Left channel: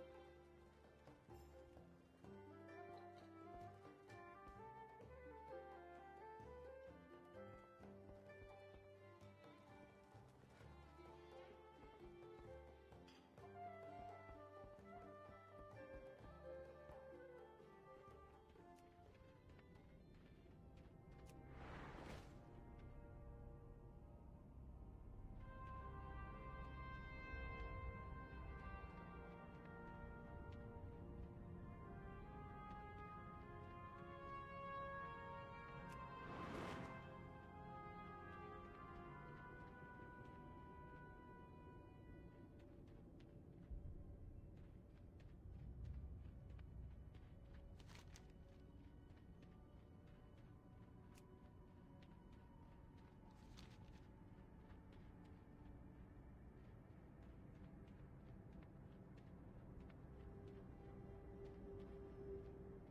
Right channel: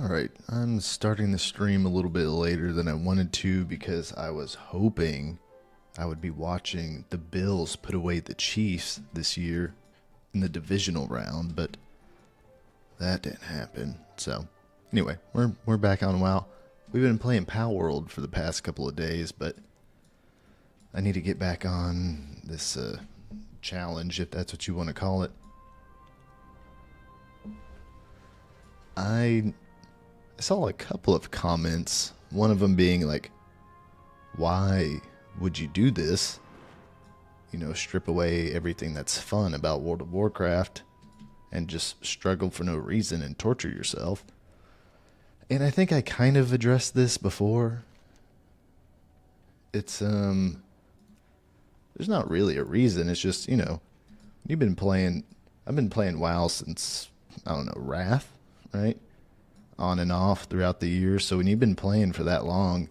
Alright, I'm starting the stream a little bit later than I wanted to because I was hoping I would be watching the Bills put away the Chiefs this year in the divisional round, but that didn't happen. So, anyway, we're back on WoW. We've been playing Pow World for the past couple of days, but I need to get back on this challenge, if that's what you want to call it. I saw a couple of comments, one of them being like, why would you do this? You know, strip away everything that's fun about World of Warcraft and just struggle for no reason and torture yourself. And I think I kind of addressed this before. It's, there's not really a reason. It's just, you know, I've been playing WoW since, I don't know, Wrath, right? On and off throughout the years. So when you've been playing for that long,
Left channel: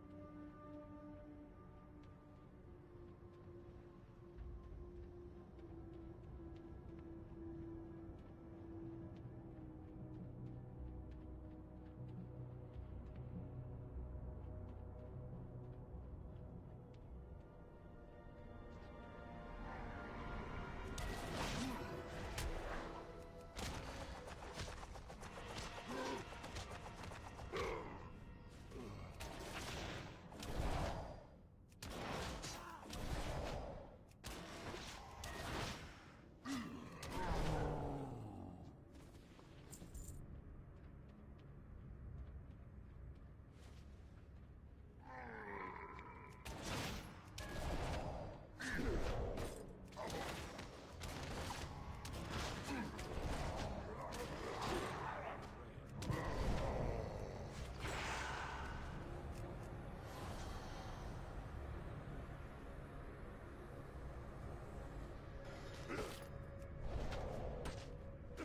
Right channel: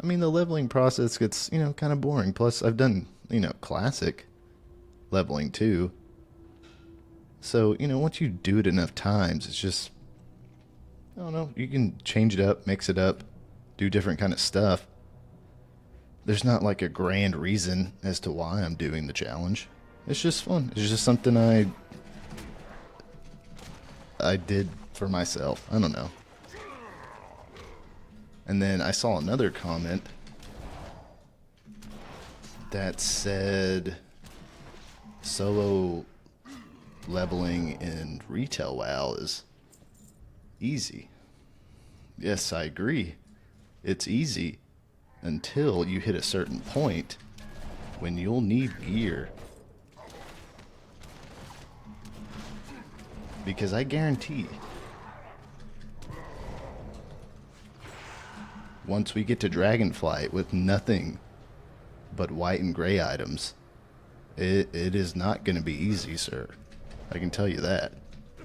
I mean, the leveling process gets, you know, kind of boring. Plus, I've done, you know, classic leveling too. So, you know, once you do it enough times, it's just, I don't know, you can change it up, mix it up, do different kind of stuff. There's not like a grand reason as to why I'm doing the challenge. It's just fun. It's just something I did for myself. I don't know. And then I saw another comment that said solo leveling in retail WoW is easy. Yes, I agree. It's easy until you hit a certain point when you'll need gear. Because I guarantee once we get to Dragonflight with nothing but white and gray items, it is not going to be easy, sir. I can tell you that.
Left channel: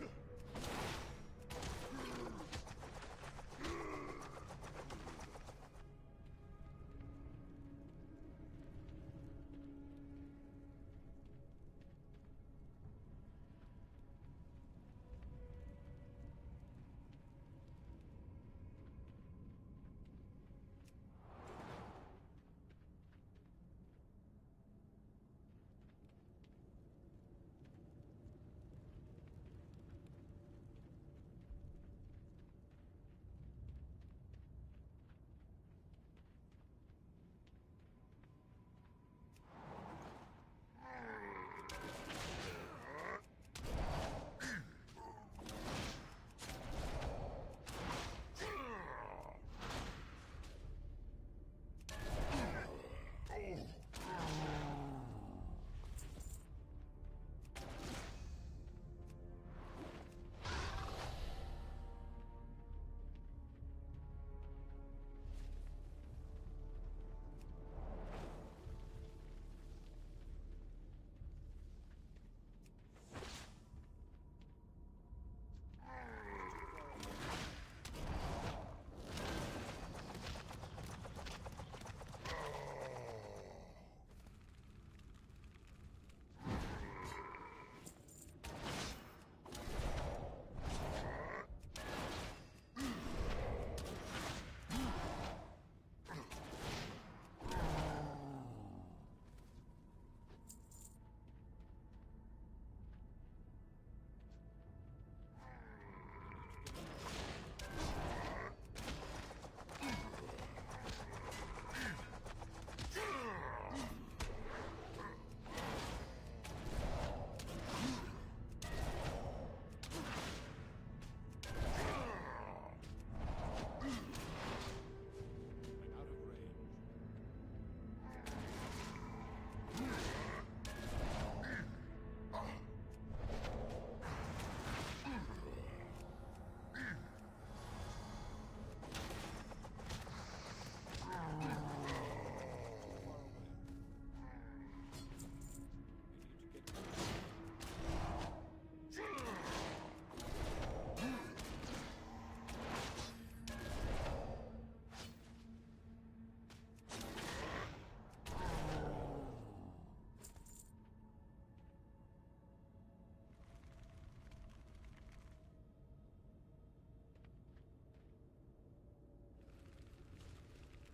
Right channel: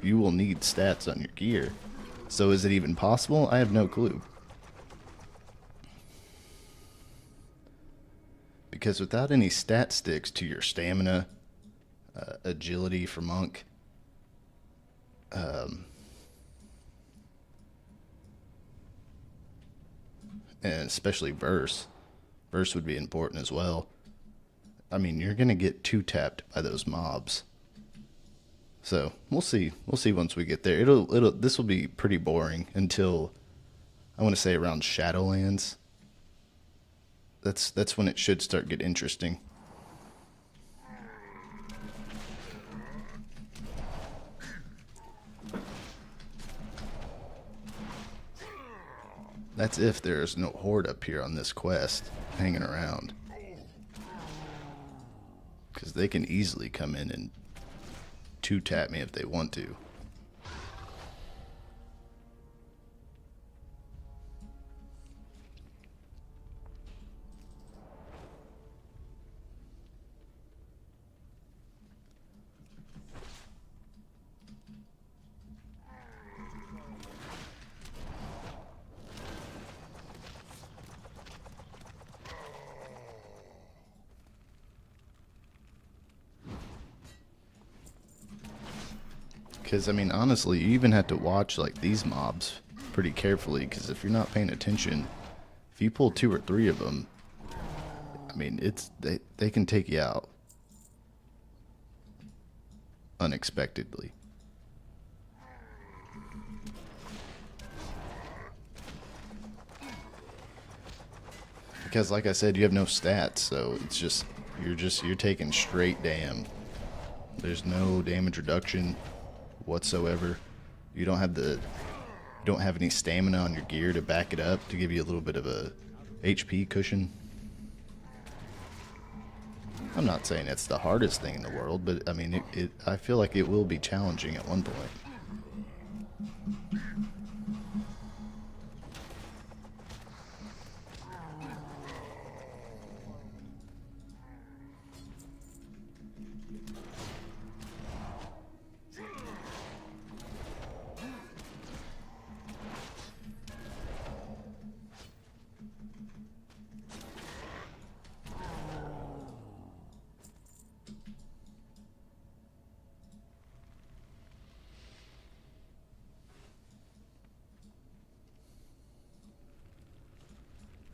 You will need stats on your gear. So is it even possible? I have no clue. Because without any stat sticks to your stamina, agility for monk, and especially verse would be important as well. I mean, you're gonna get two-tapped by those mobs. So we'll see once we get there. This will be pretty boring until I want to say around Shadowlands. That's when it should start get interesting. That's if there's no horde up here on this quest hanging around. Because they can easily come in and two-tap me if they want to. Because, I mean, honestly, you even have to watch, like, these mobs pretty carefully, because if you're not paying attention, if you pull 2 or 3 of them, I mean, they can take you out unexpectedly. Because, like I said, you have no stats, so it's just, you're taking straight damn. There's no damage reduction whatsoever. You don't have any stamina on your gear to back it up to give you a little bit of a HP cushion. I'm not saying it's the hardest thing in the world, but I mean, I feel like it will be challenging at one point.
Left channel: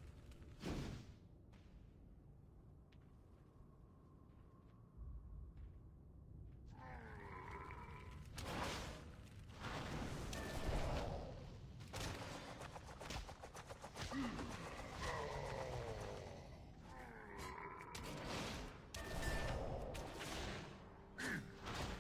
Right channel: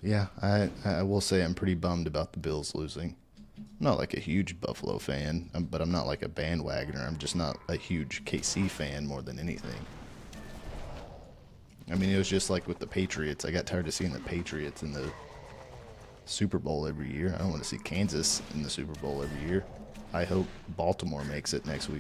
Yeah, I will say I'm pretty bummed about the Bills losing. I'm not like a huge Buffalo fan, but I'm not like a bandwagoner. I'm just not a huge KC fan more than anything. I mean, it was just like with the Patriots. I got tired of seeing the Patriots in the Super Bowl every year. I don't want to see Kansas in the Super Bowl every year. I hope Baltimore makes it next week.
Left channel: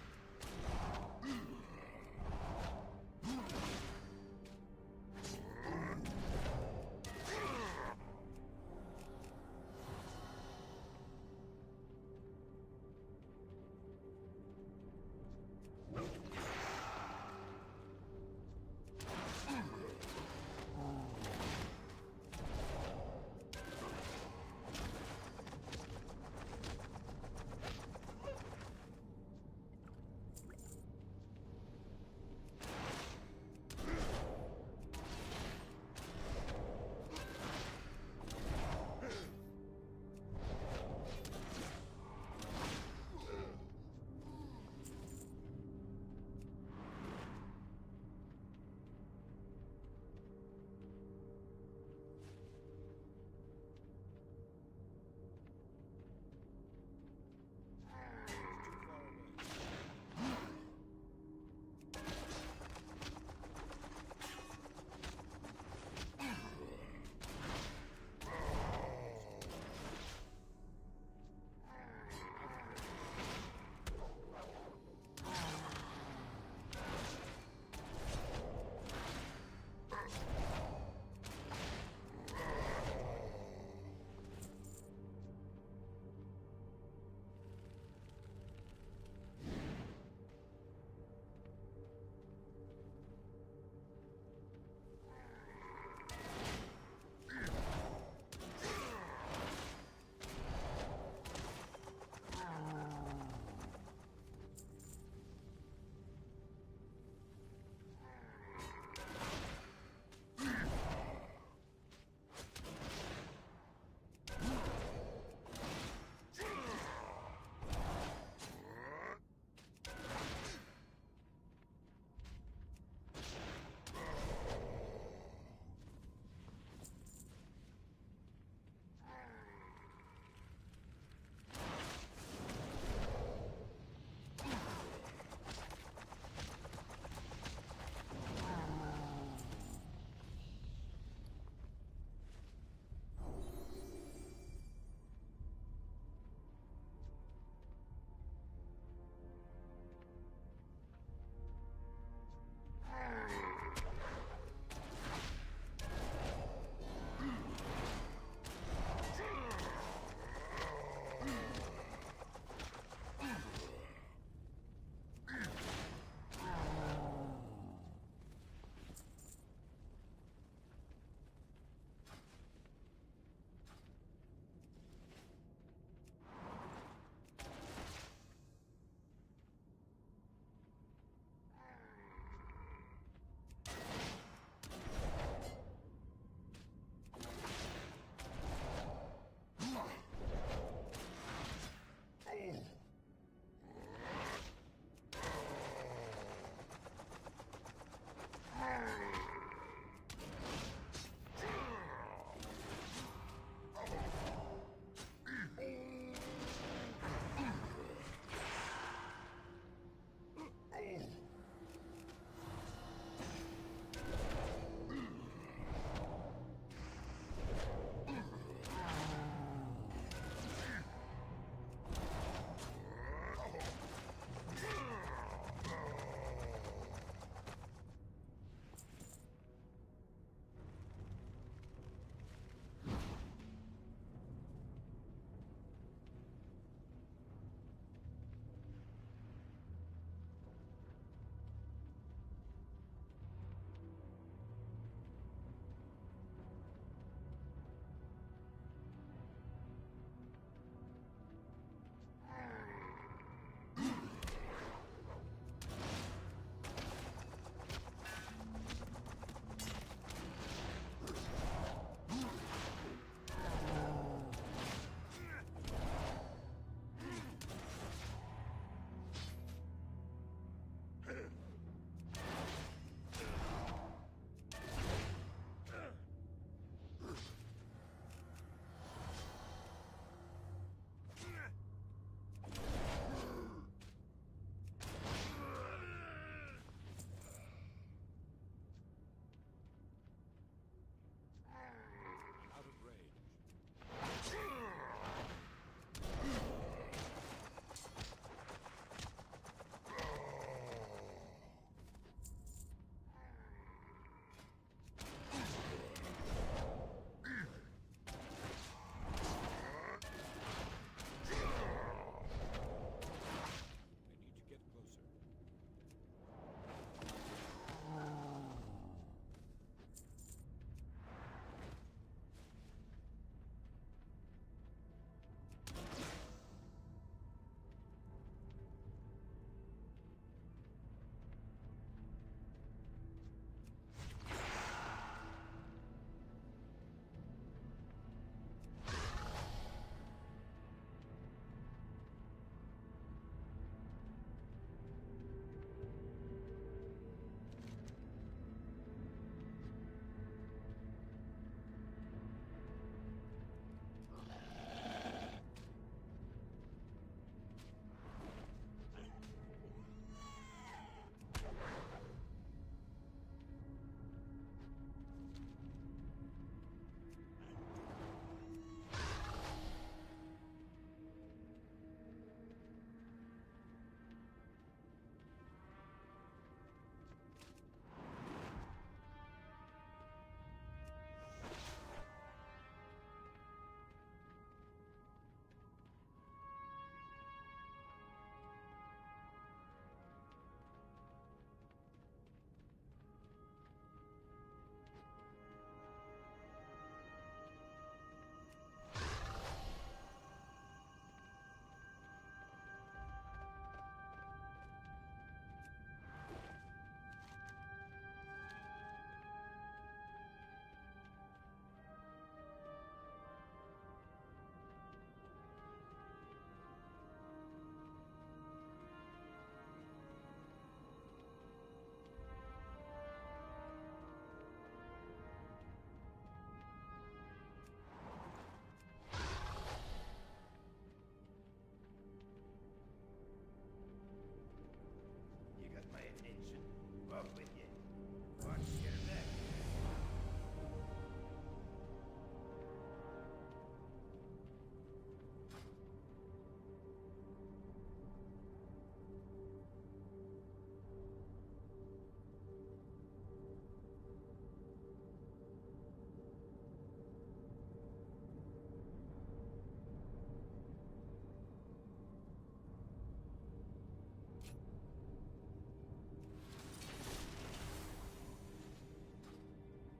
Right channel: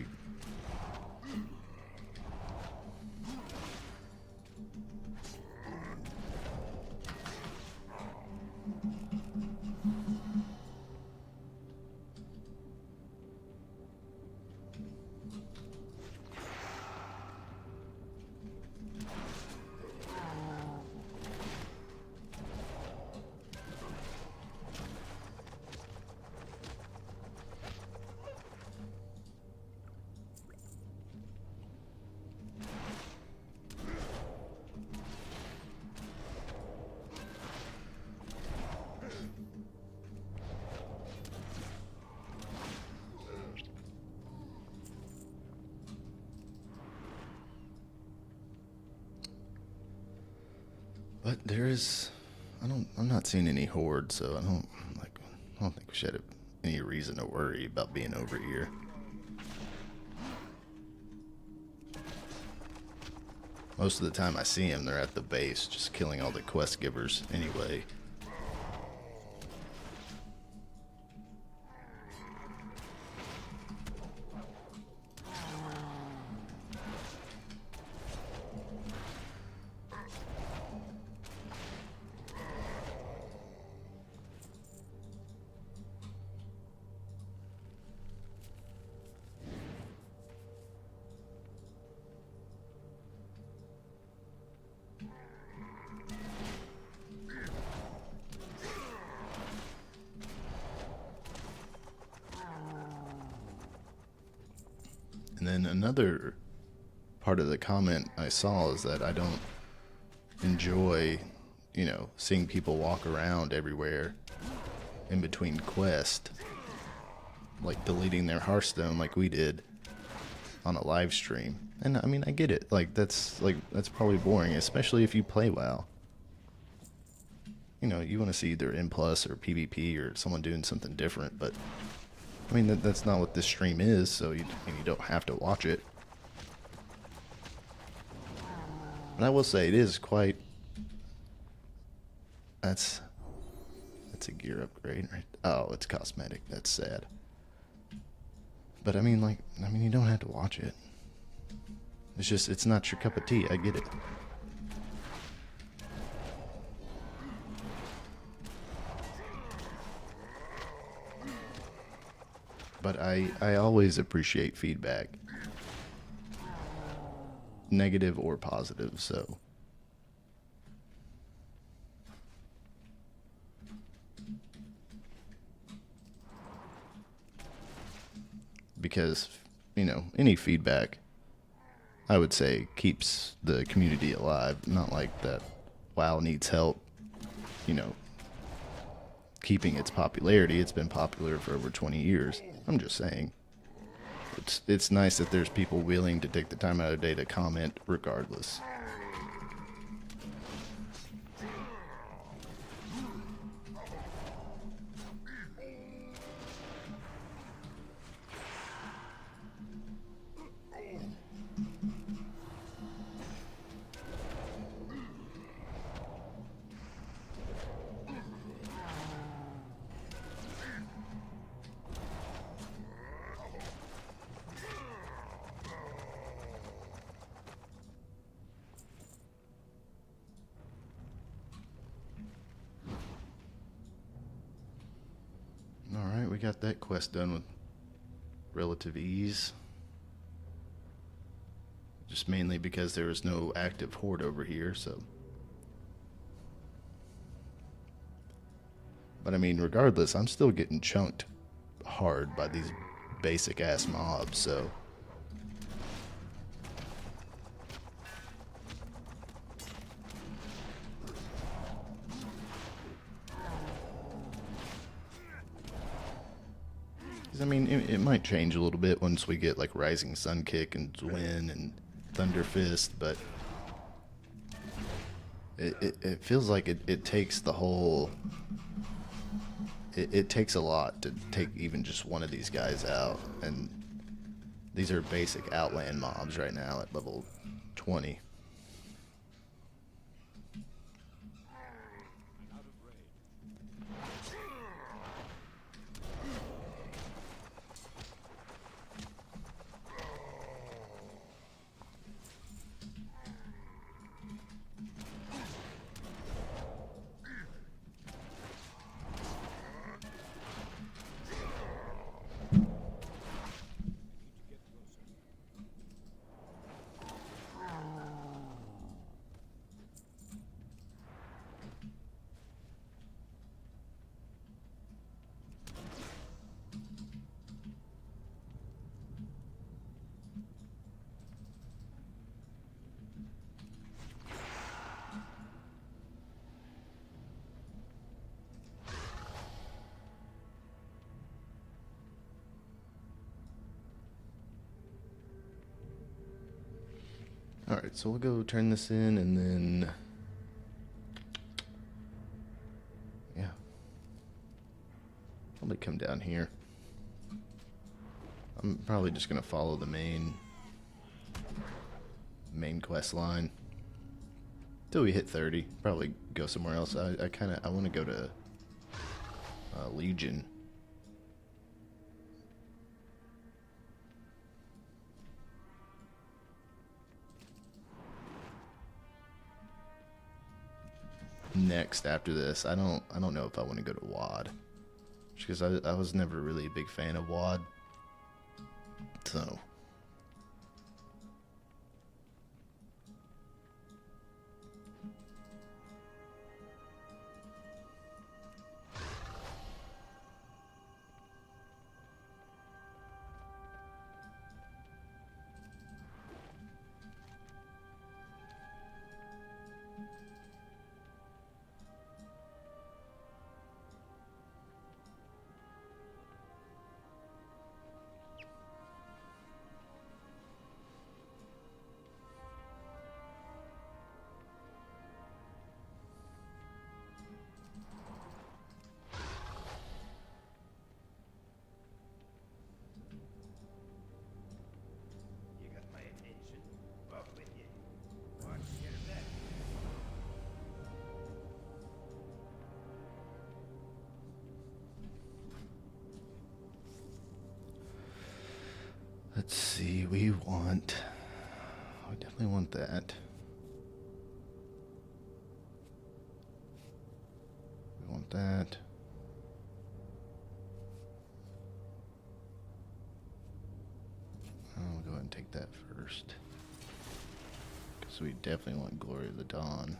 But there is, I'm not seeing any horde, so I don't think we should have any reason to worry about being over here. Most of the time I see them, they're at the base, just killing all the quest givers anyway. And then another part of the comment I saw is that I don't enjoy, seeing people walk around everywhere in between quests, like deleting their Hearthstone like we did on a live stream. And I mean, I get it. That's probably boring, especially if you play WoW. You want to see either N+ or PvP or someone doing something different, but I mean, that's not what this stream is, so you don't have to watch it. And I will say, it is quite... That's a gear upgrade, right? Oh, it's cosmetic. That's sad. But I mean, you don't have to watch it. It's just, it's not your cup of tea. I get it. But I always appreciate feedback, negative or positive, so. Because, any feedback, I would say, keeps the community alive. Not like that WoW needs help, keeping its popularity. It's been popular for over 20 years. I'm just saying. It's nice that there's people willing to take the time out of the day to comment regardless. We got that quest done with relative ease. Just mainly because there was no active horde over here, so. But I mean, regardless, I'm still getting chunked hard by these basic ass mobs, so. I mean, it might change a little bit once we get like Rising Sun Kick and Zwin and Thunder Fist, but It feels like it takes the whole. It takes a lot to take even just one of these guys out, and these are basic Outland mobs right now at level 20. Alright, so we'll go turn this in and then... yeah. Probably come down here. I'm probably just gonna follow the main quest line. Till we hit 30. Probably go somewhere else. I want to go to Legion. Next after this, I don't know if I want to go to WoD, because I was never really a big fan of WoD. So let's see, we definitely want that. We want that. I'll go ahead and take that first, because we definitely want Glory of the Dawn.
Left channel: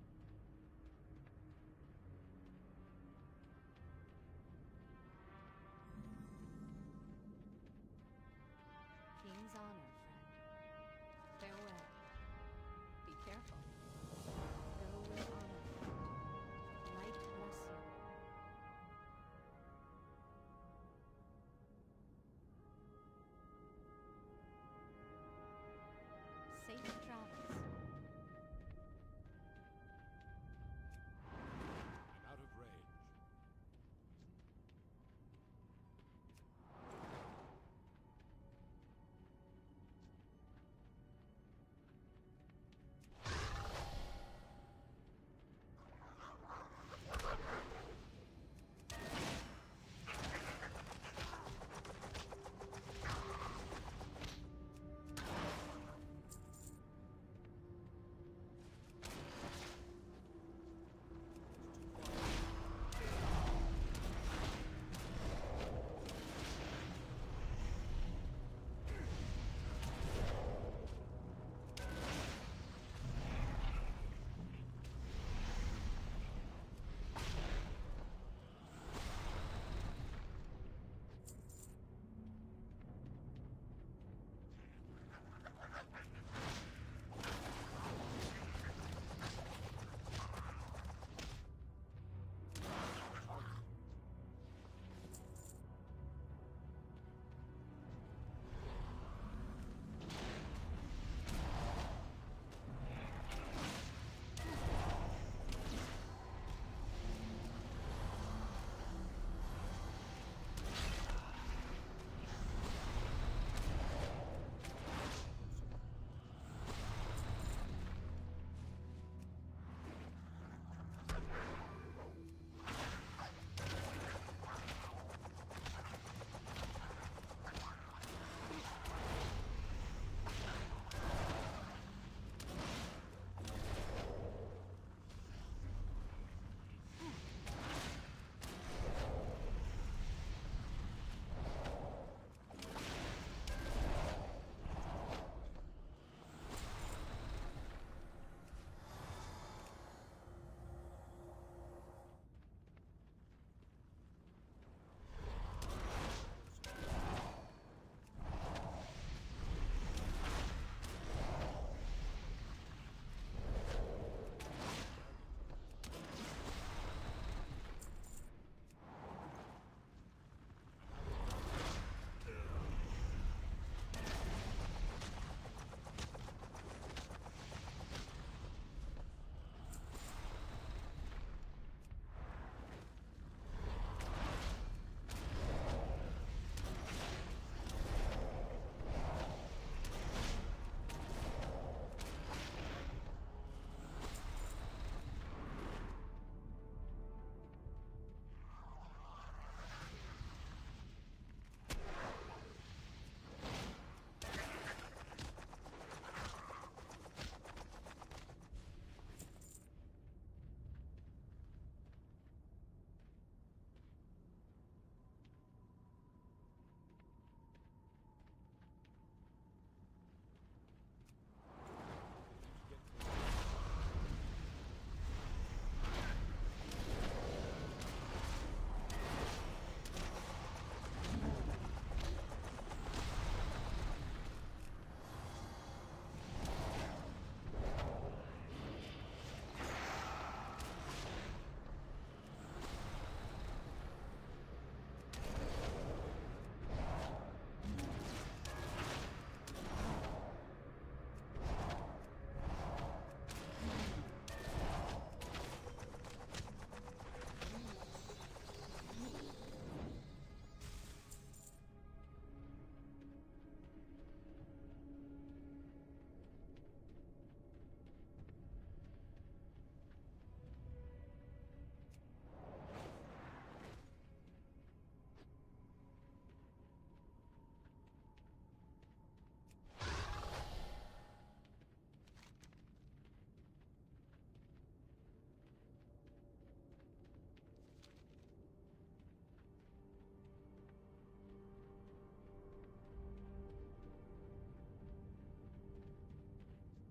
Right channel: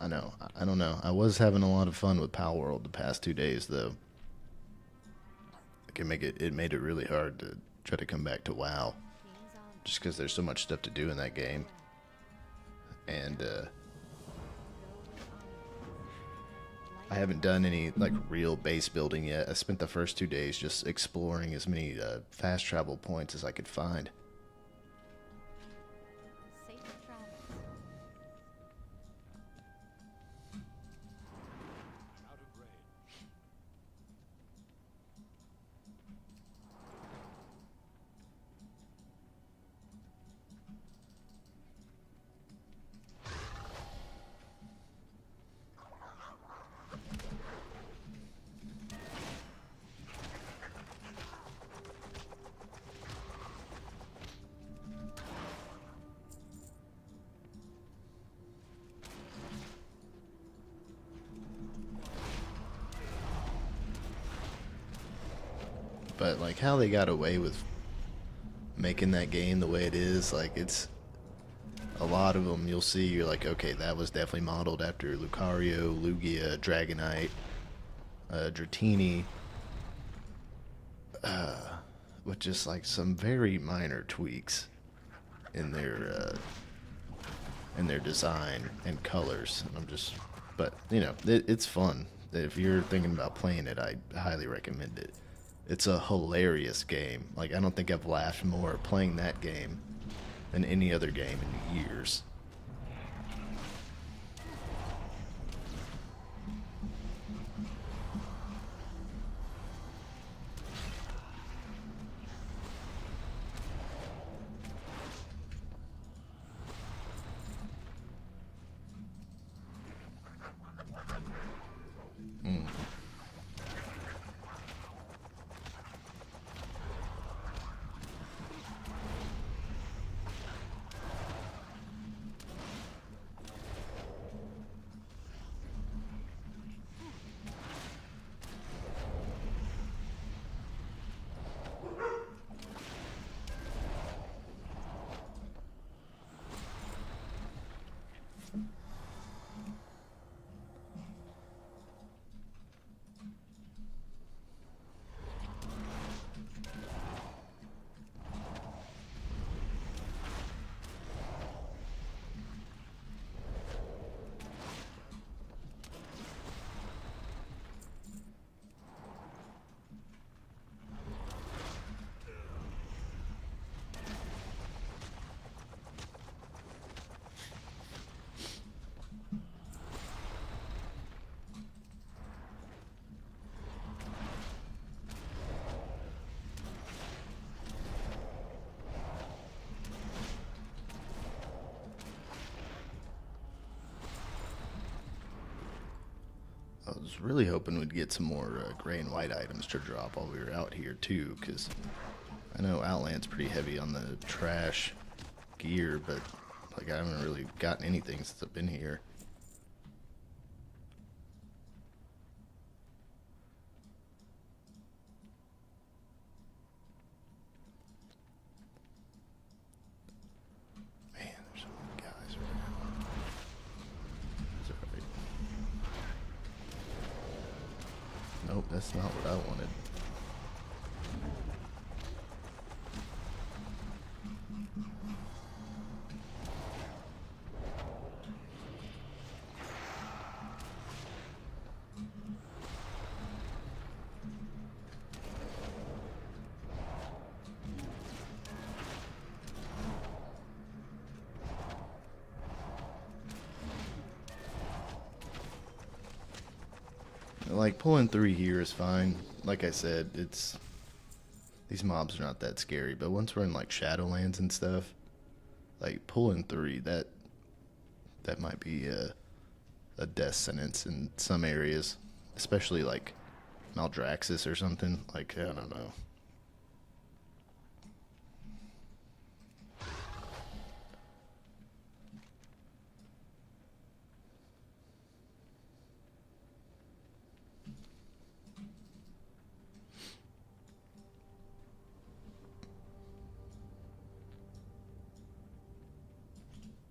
I know. I don't know. I was having a lot of fun with Pal World the past 2 days, though. It made it really hard to try to come back to WoW, just because there's so much stuff to do in that game, and I haven't done any like real base building yet. I spent the first 2 days just exploring as many fast travel points as I could find. But like how they got away with making that game the way it is, like it's a lot of them you'll see, you're like, okay, that was definitely modeled after Lucario, Lugia, Dragonite, Dratini, with just like some very minor tweaks in their design and colors. But you know, it's fun. If you're thinking about playing it, I highly recommend it. It's a hilarious game. Like, I don't think I've laughed more playing that game than any other game in years. I was really hoping we'd get some more gray and white items to drop while we were out here too, because I know Outland's pretty heavy on the trash gear, but like I haven't really gotten anything since I've been here. Man, there's so many guys right now. Nope, that's not what I wanted. Like, pulling 3 here is fine. Like I said, these mobs are not that scary, but once we're in like Shadowlands and stuff, like pulling 3, that might be a death sentence in some areas, especially like Maldraxxus or something. Like, I don't know.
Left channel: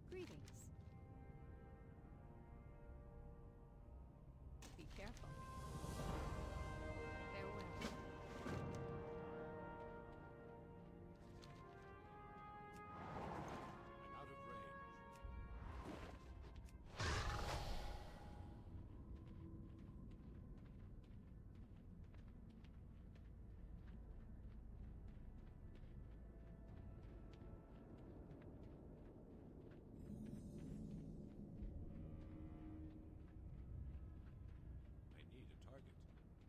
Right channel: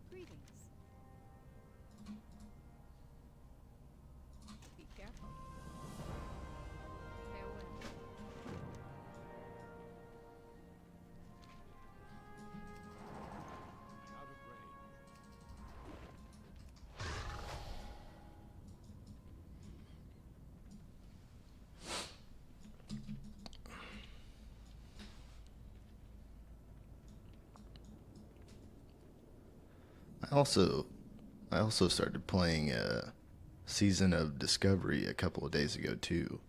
Greetings. Be careful. Farewell. I'm out of range. I also started playing Season of Discovery a couple of days ago too,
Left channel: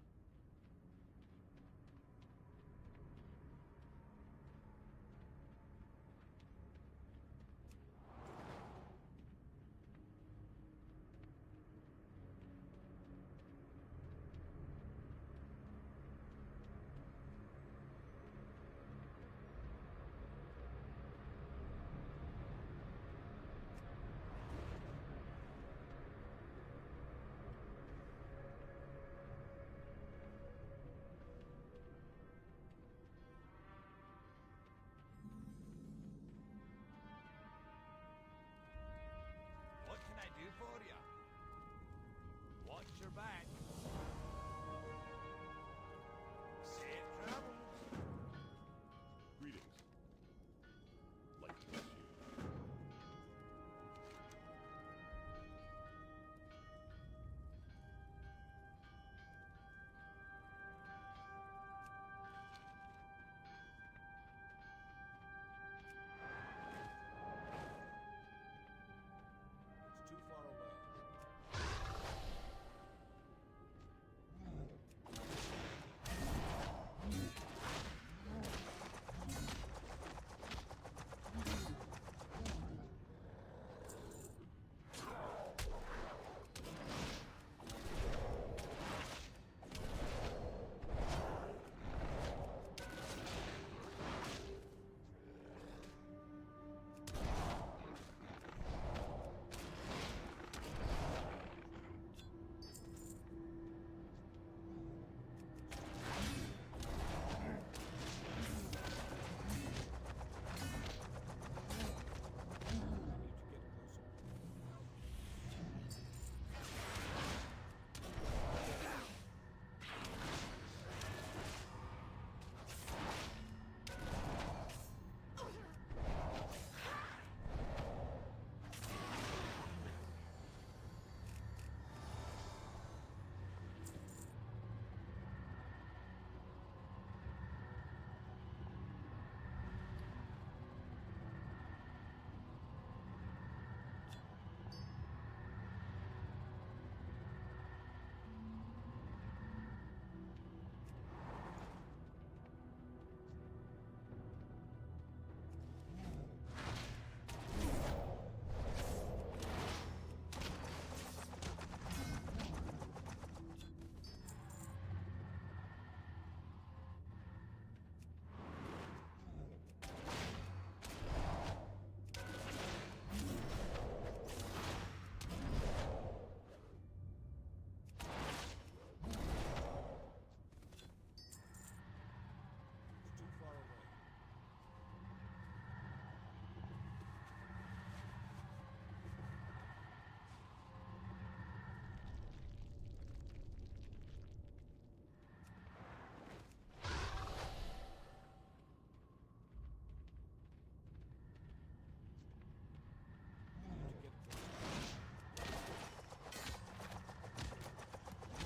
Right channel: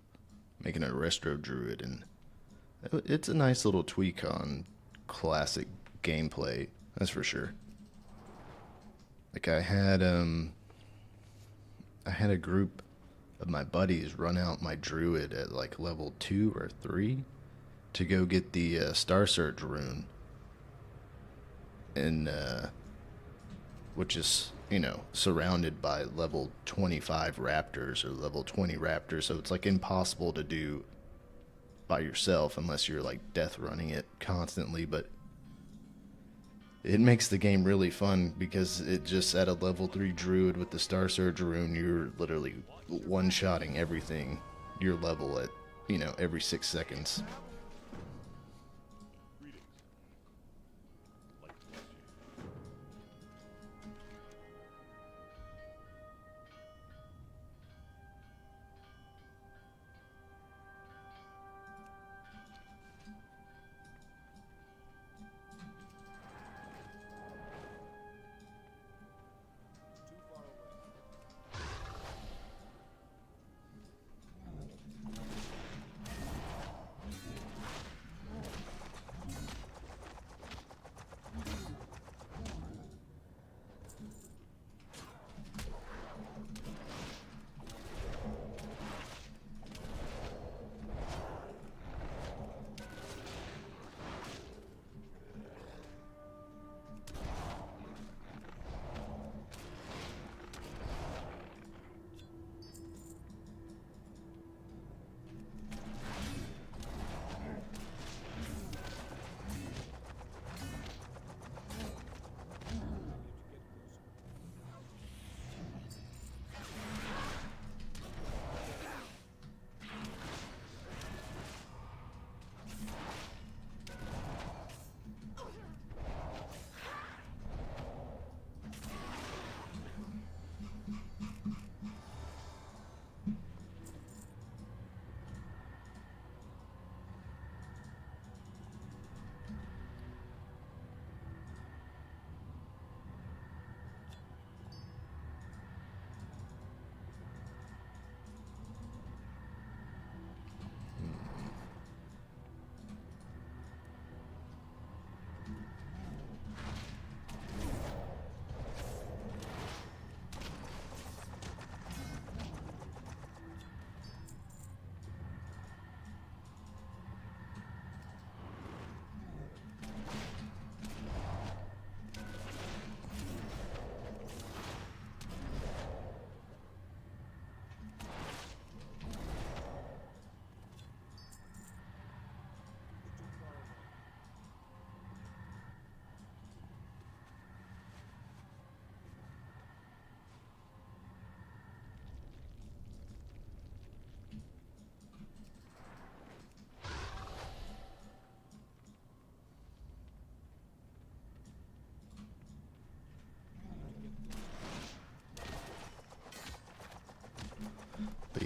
making a Restro Druid, and it's a nice little tweak on classic gameplay, that's for sure. Like I had a group of my buddies run out my Druid at like level 2 or 3 to go get the Star Surge rune, and which is, you know, surrounded by level 25 raptors or level 20 raptors, so it's like impossible to do by yourself unless you're like death running it constantly, but it makes the game really fun because it just at a level 3 druid with the Star Surge rune, you're literally one-shotting everything your level at, you know, every 6 seconds.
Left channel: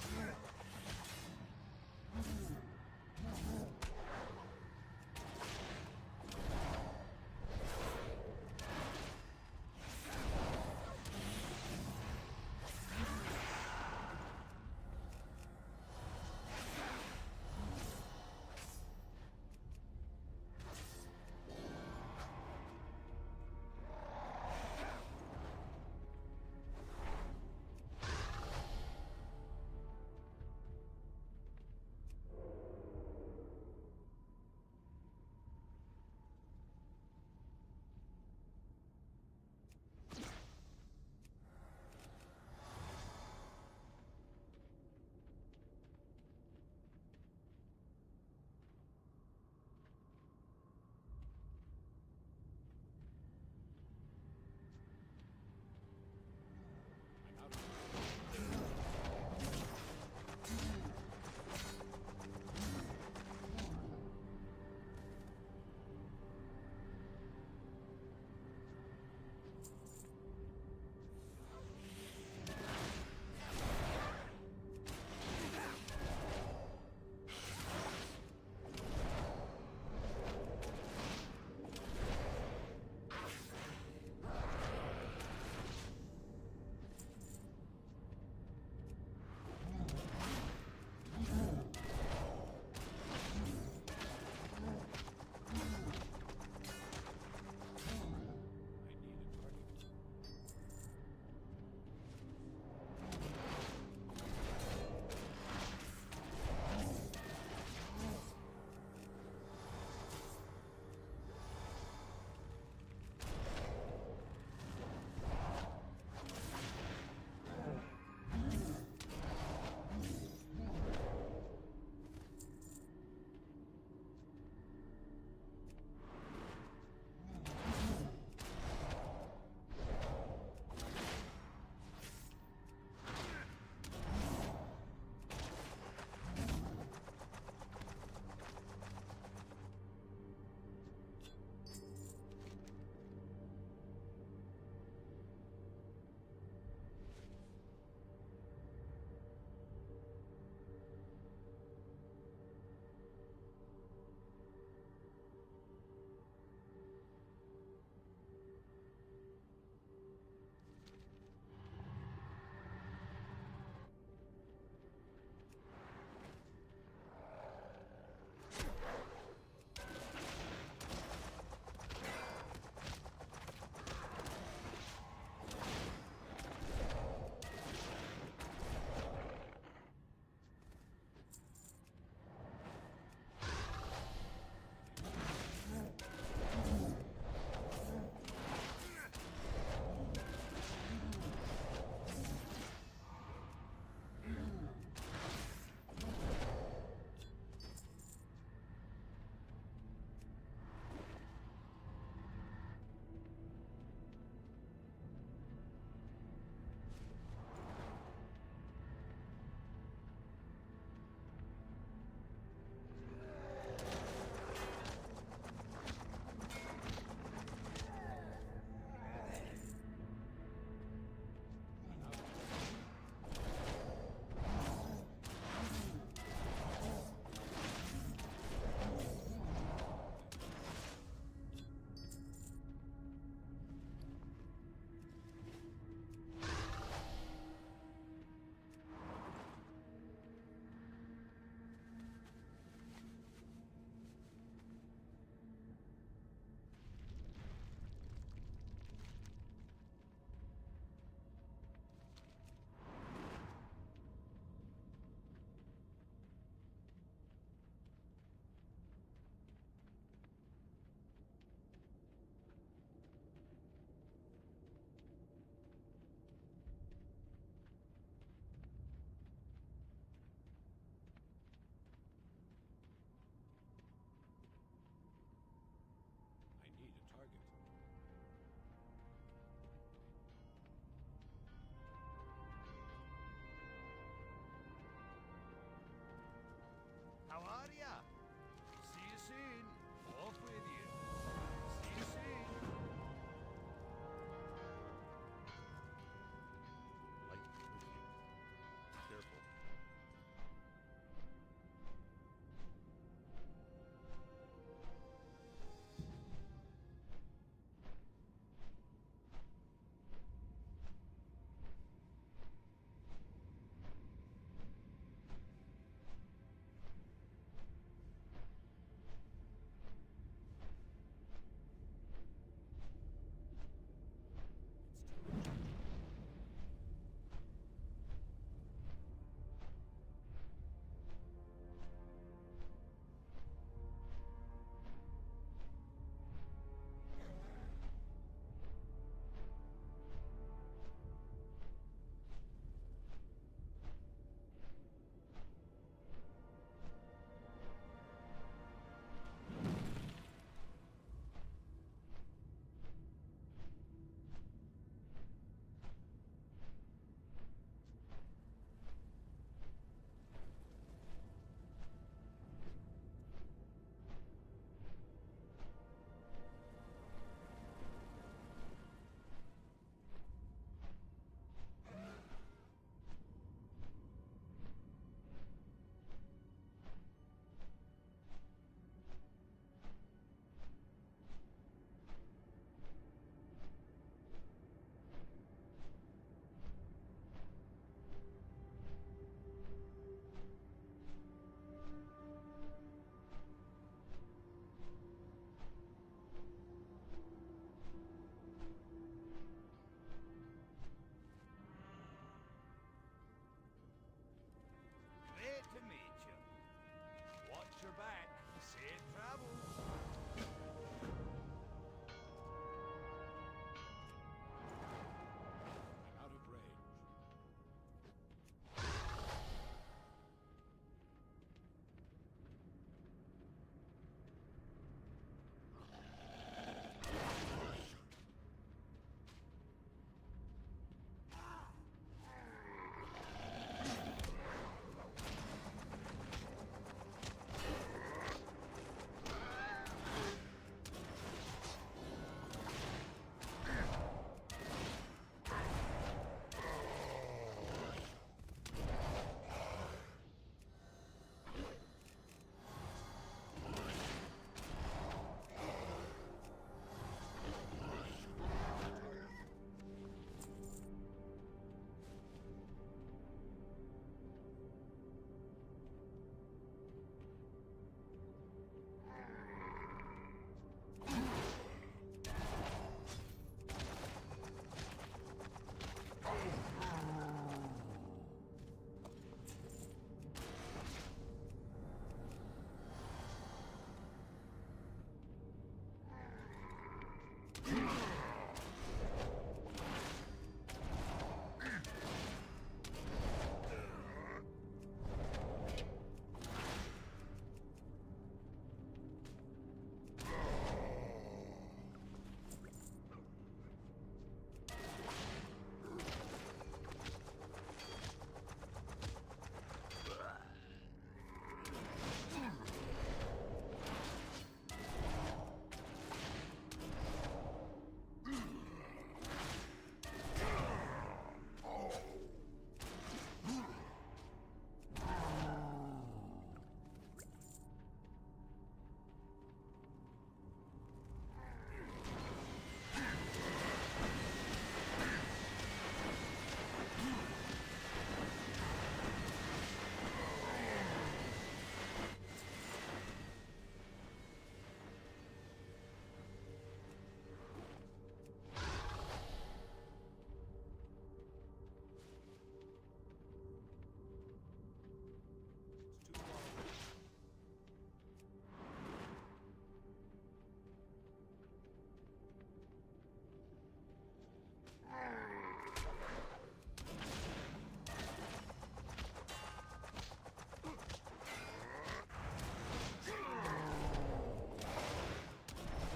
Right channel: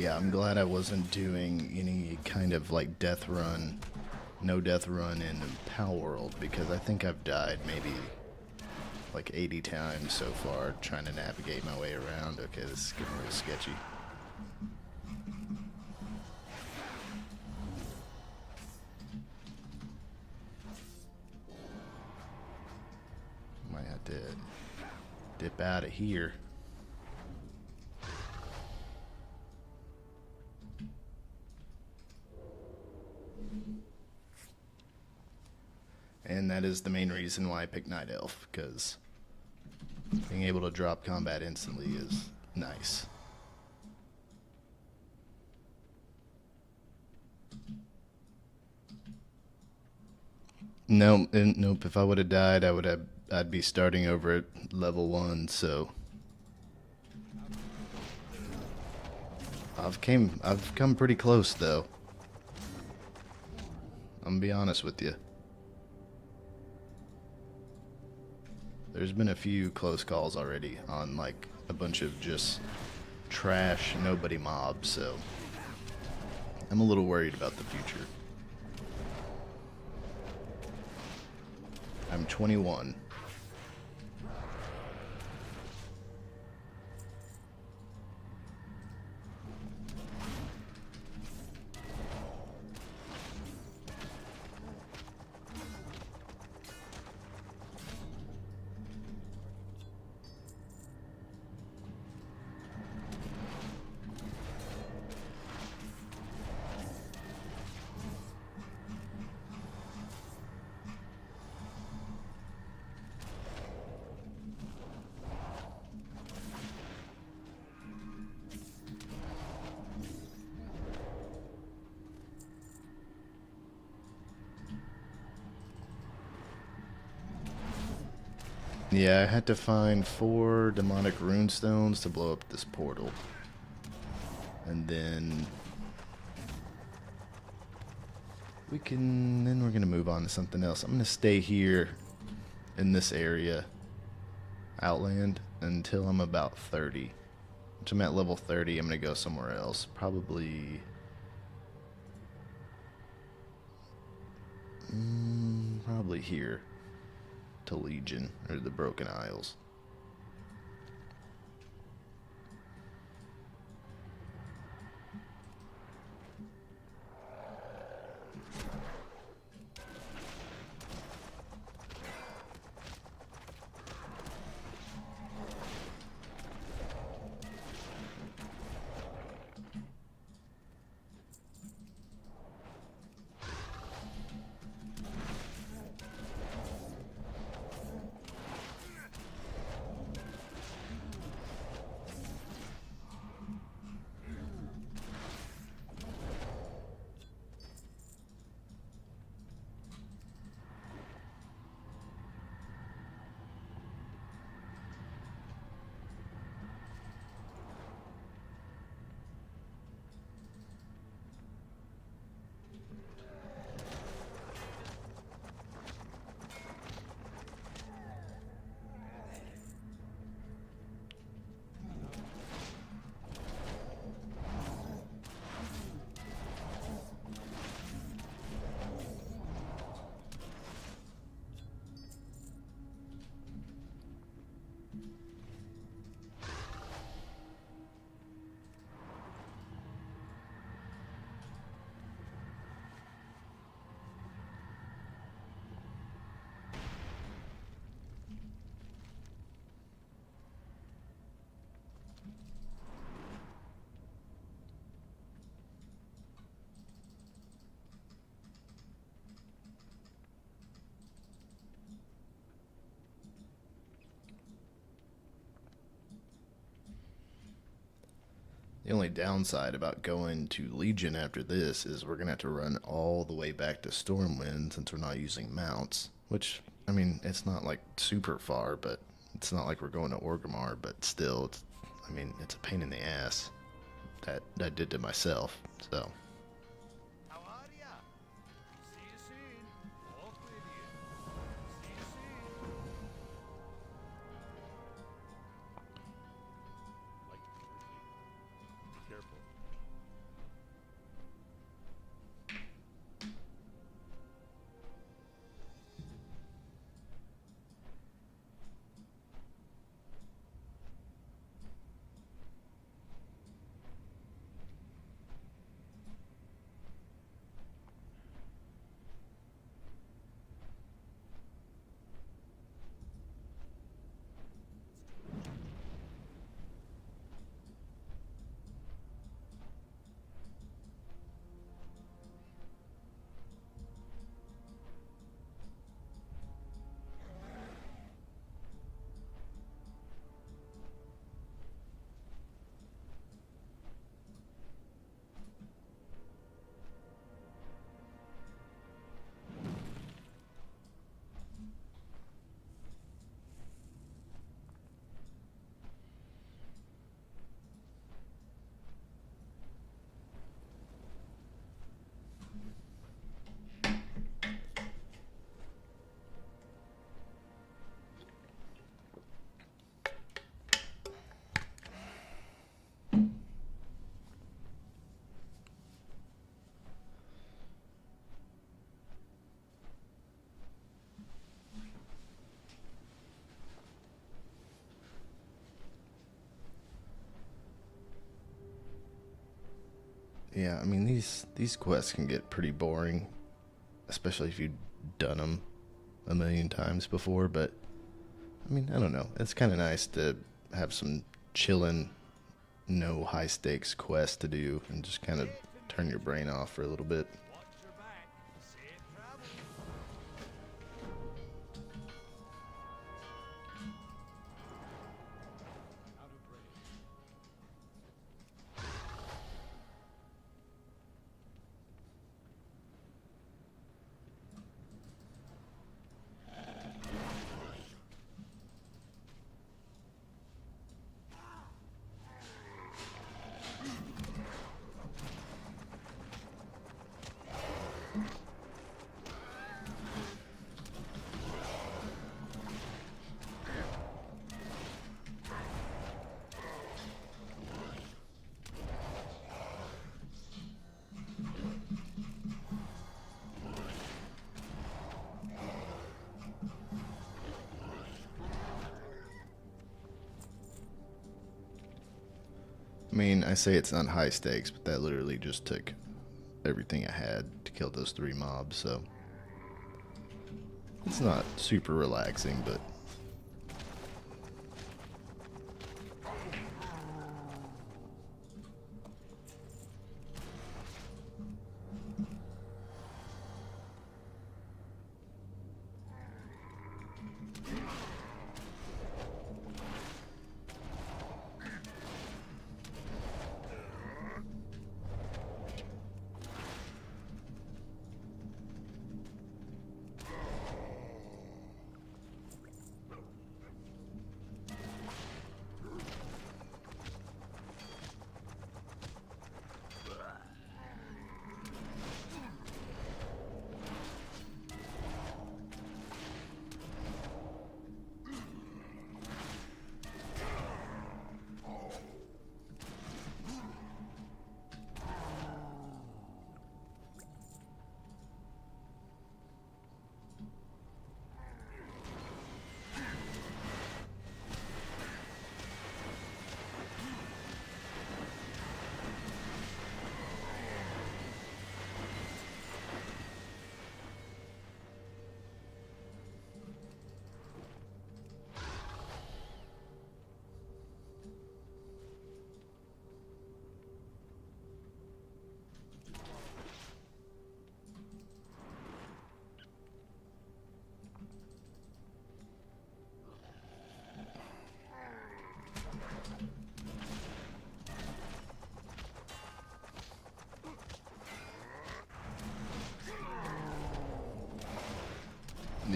Yeah, I'm glad I wasn't doing any kind of like death run, no death run in Pow World, because I think I've died maybe like 80 times so far trying to navigate my way around. Okay, this is getting real sketchy. Might have to dip out of here. And that is the main reason why I picked Night Elf, because being able to drop combat instantly is nice. Nope, if I would have died, I'd be starting over at level 1, so I've come pretty close though. I'm gonna be honest with you. There's been a few close calls already on like a bunch of just trash nobody mobs, so I'm a little worried about the future. I'm 21. Yeah, I had to find 4 demonic runestones to blow up this portal. And then we're gonna move on to something else. I'm gonna stay here in this area, Outland, until I'm about 30. Once I'm at level 30, I'm gonna go somewhere else. Probably here to Legion or the Broken Isles. The only downside about going to Legion after this is we're going to have to run all the way back to Stormwind since we're not using mounts. Which, I mean, it's not like super far, but it's not like we're going to Orgrimmar, but still, it's a pain in the ass that I did to myself, so. How are ya? See you soon. Off with you. See you soon. Light quickly. Be careful. Yeah, I mean, these quests can get pretty boring, especially if you've done them a million times before, but, I mean, I don't know. It's kind of nice to have some chillin', no high-stakes quests to do and just kind of turn your brain off for a little bit. Watch your back. Safe travel. Out of range. mean, I say it's not high stakes, but that literally just took everything I had to kill those 3 mobs, so it's not super relaxing, but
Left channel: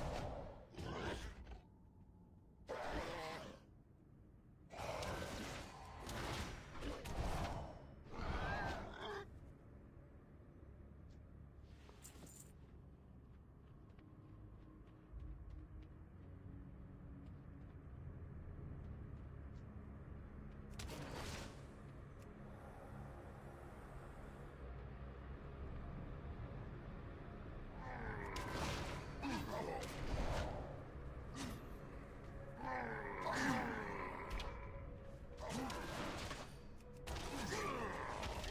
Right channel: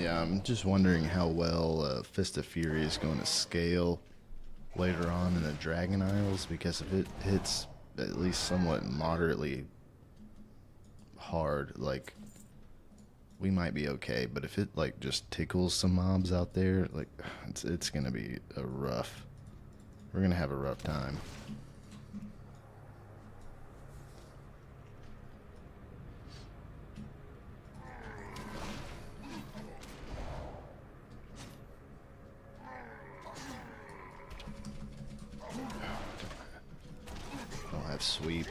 yeah, I'm just wondering how well Fist of Fury is going to scale later on in the Dragon Isles, because if it hits at least somewhat moderately hard, like, we might be okay, but if it like just tickles some mobs out there, like, it's gonna be we're gonna have a rough time. That's sweet.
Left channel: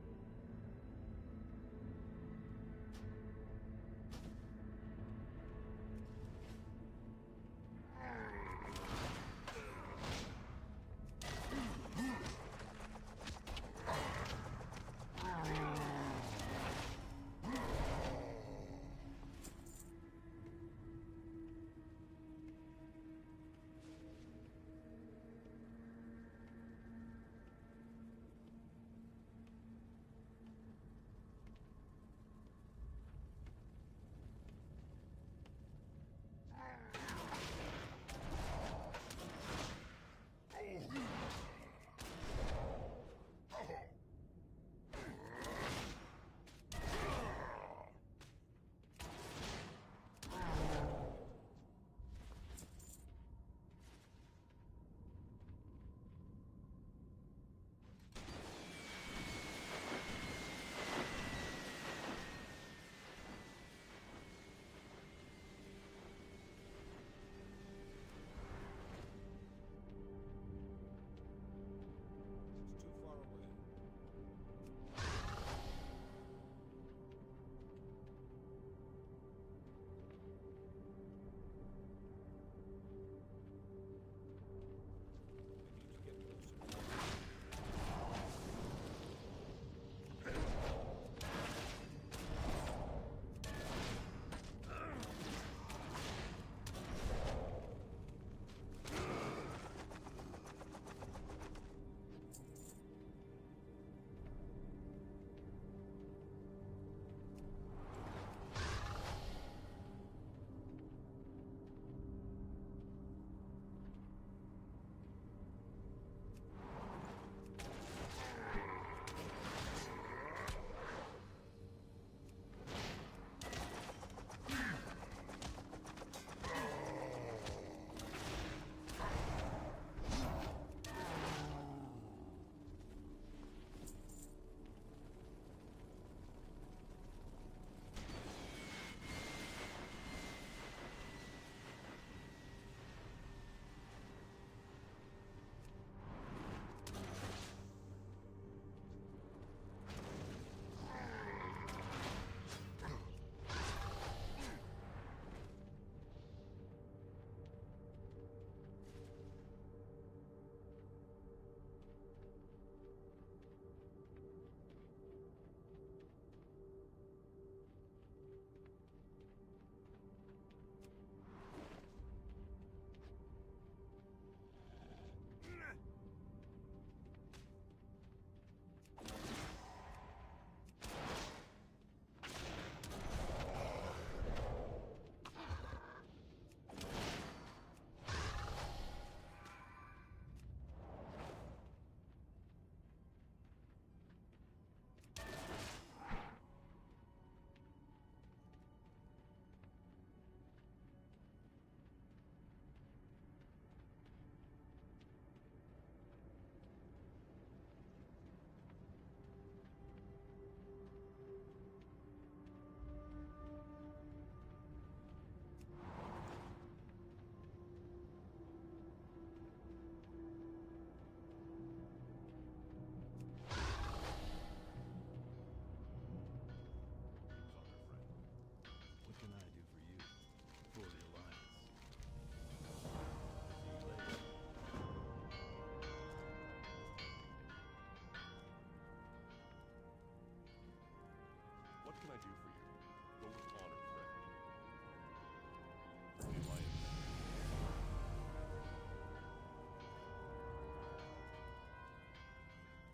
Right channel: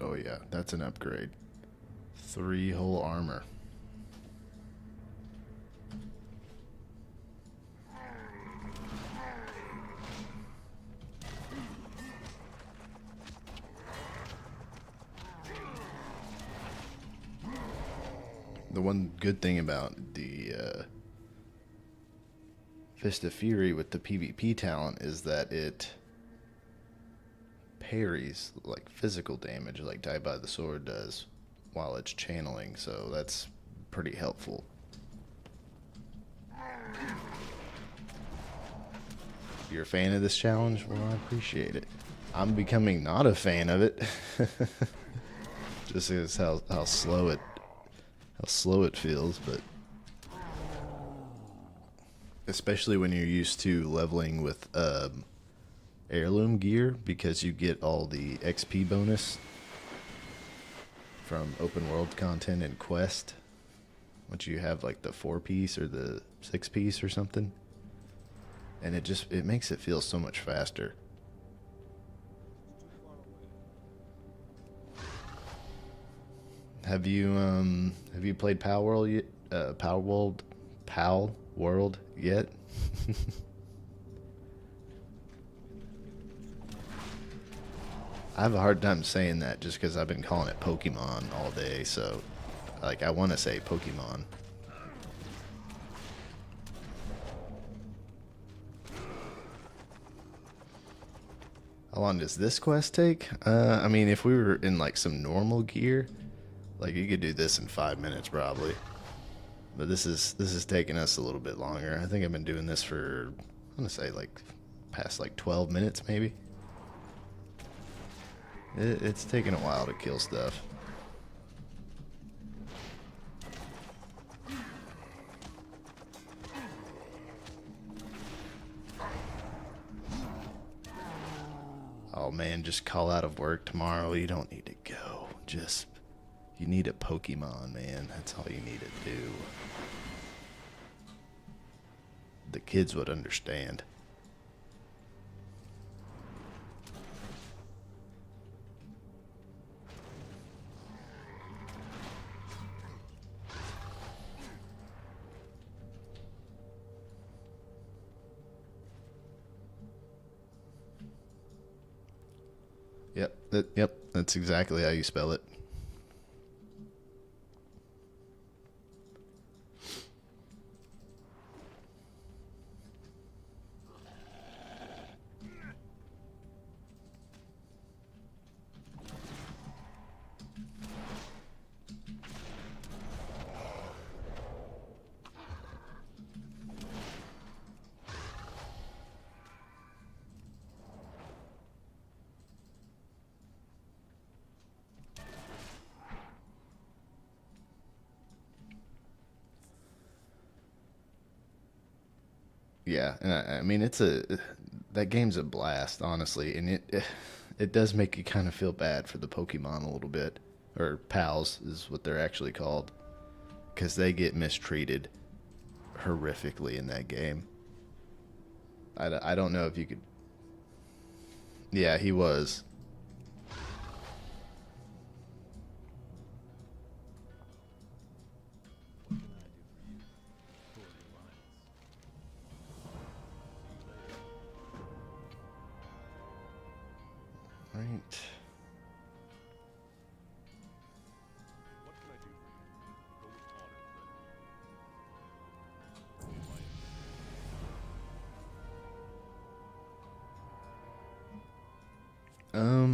Oh yeah, that's an upgrade. 3 whole armor. The one good thing about the Fist of Fury with the PvP talent is that it parries like physical damage like Die by the Sword does while it's channeling, so that's pretty helpful. If you're a fan of this challenge, well, I appreciate it. I'm becoming not a fan of it. Just as how slow it feels, but especially when you're used to leveling with heirloom gear, because you get all the XP bonus from open world content and quest once you have like the 4-piece or the 6-piece or something, and it makes it feel so much faster. Have you played Pal World yet? Pal World yet? I have a hard time saying that just because I've been calling it Pokemon all day, so like I want to say Pokemon. How long does this quest take? I mean, if we were in like some normal gear, like you could do this in 5 minutes probably. But this is taking us a little bit longer. I think I've been doing this for, I'm gonna say like past like 12 minutes maybe. It's taking a while to kill stuff. Oh man, just call out of work tomorrow. You don't need to go. Just, you need a Pokemon, man. That's all you need to do. The kids would understand. Yep, that's exactly how you spell it. Yeah, and I mean that game's a blast, honestly, and it does make you kind of feel bad for the Pokemon a little bit, or pals is what they're actually called, because they get mistreated horrifically in that game. I don't know if you could. Yeah, he was. What can I do for you? For the Alliance. See you later. Right. What can I do for you? Go with honor, friend. The Alliance.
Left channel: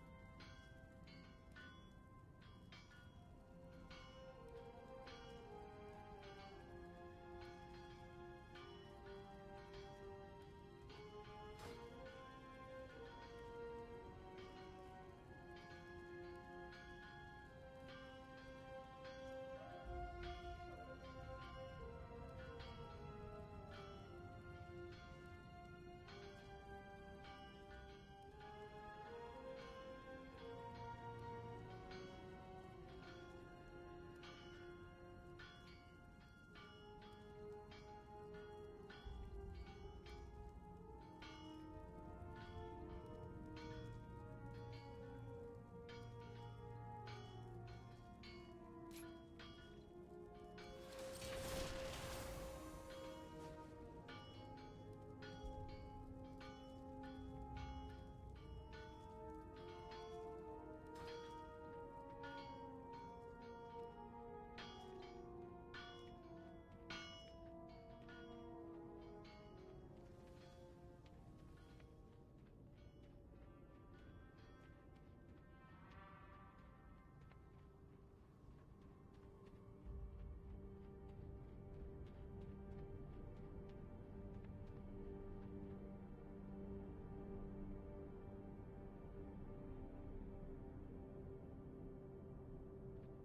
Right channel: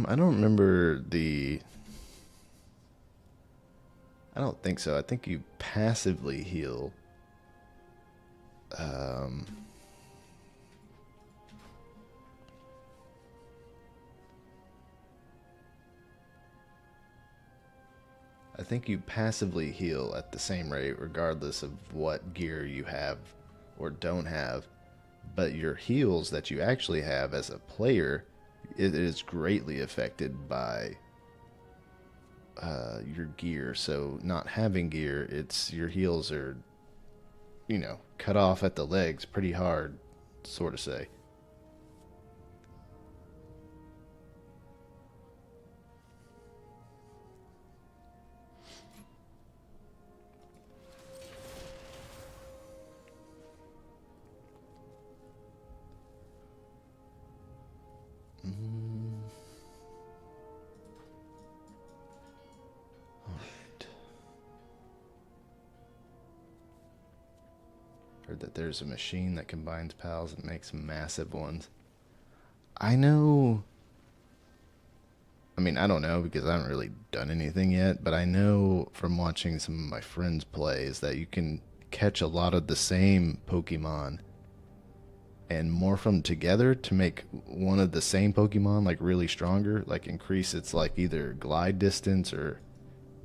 I don't remember the. I don't think so. I think you passively heal. I think you passively heal at the same rate regardless of what gear you have or don't have. But your heals that you actually have as a player, it is greatly affected by your gear. So not having gear, it's your heals are, cut off at the legs pretty hard, sort of say. Heard that there's a machine that combines pals and makes massive ones. I know. I mean, I don't know because I haven't really done anything yet, but I know from watching some of my friends play is that you can catch a lot of the same Pokemon and morph them together to make one of the same Pokemon like really stronger, like increase its like either glide distance or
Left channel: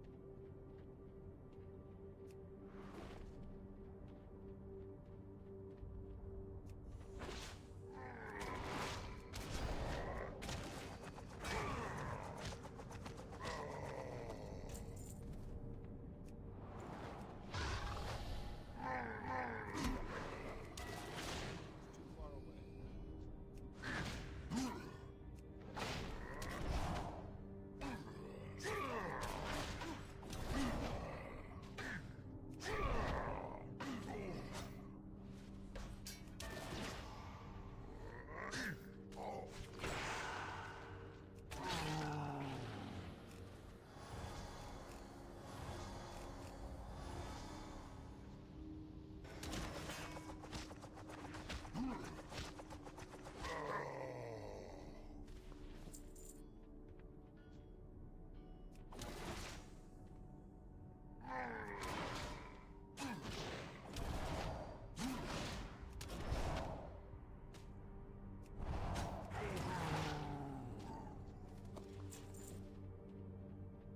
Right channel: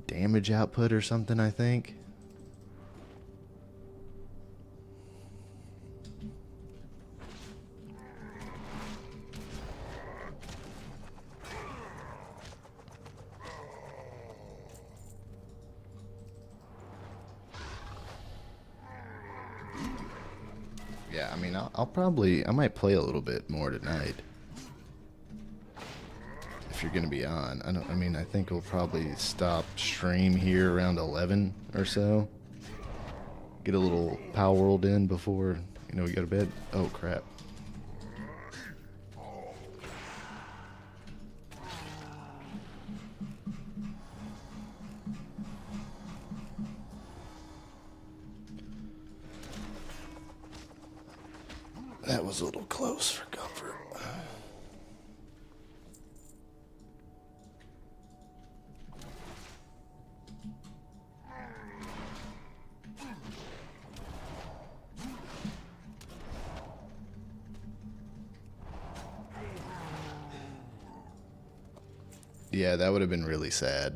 damage output or something, I think. I might play a little bit more tonight. If you're gonna be on. I think we'll probably stop stream here around 11 or so. Get a little Power World in before, we go to bed. Oh crap. That was a little close for comfort. Yeah, that would have been really sad.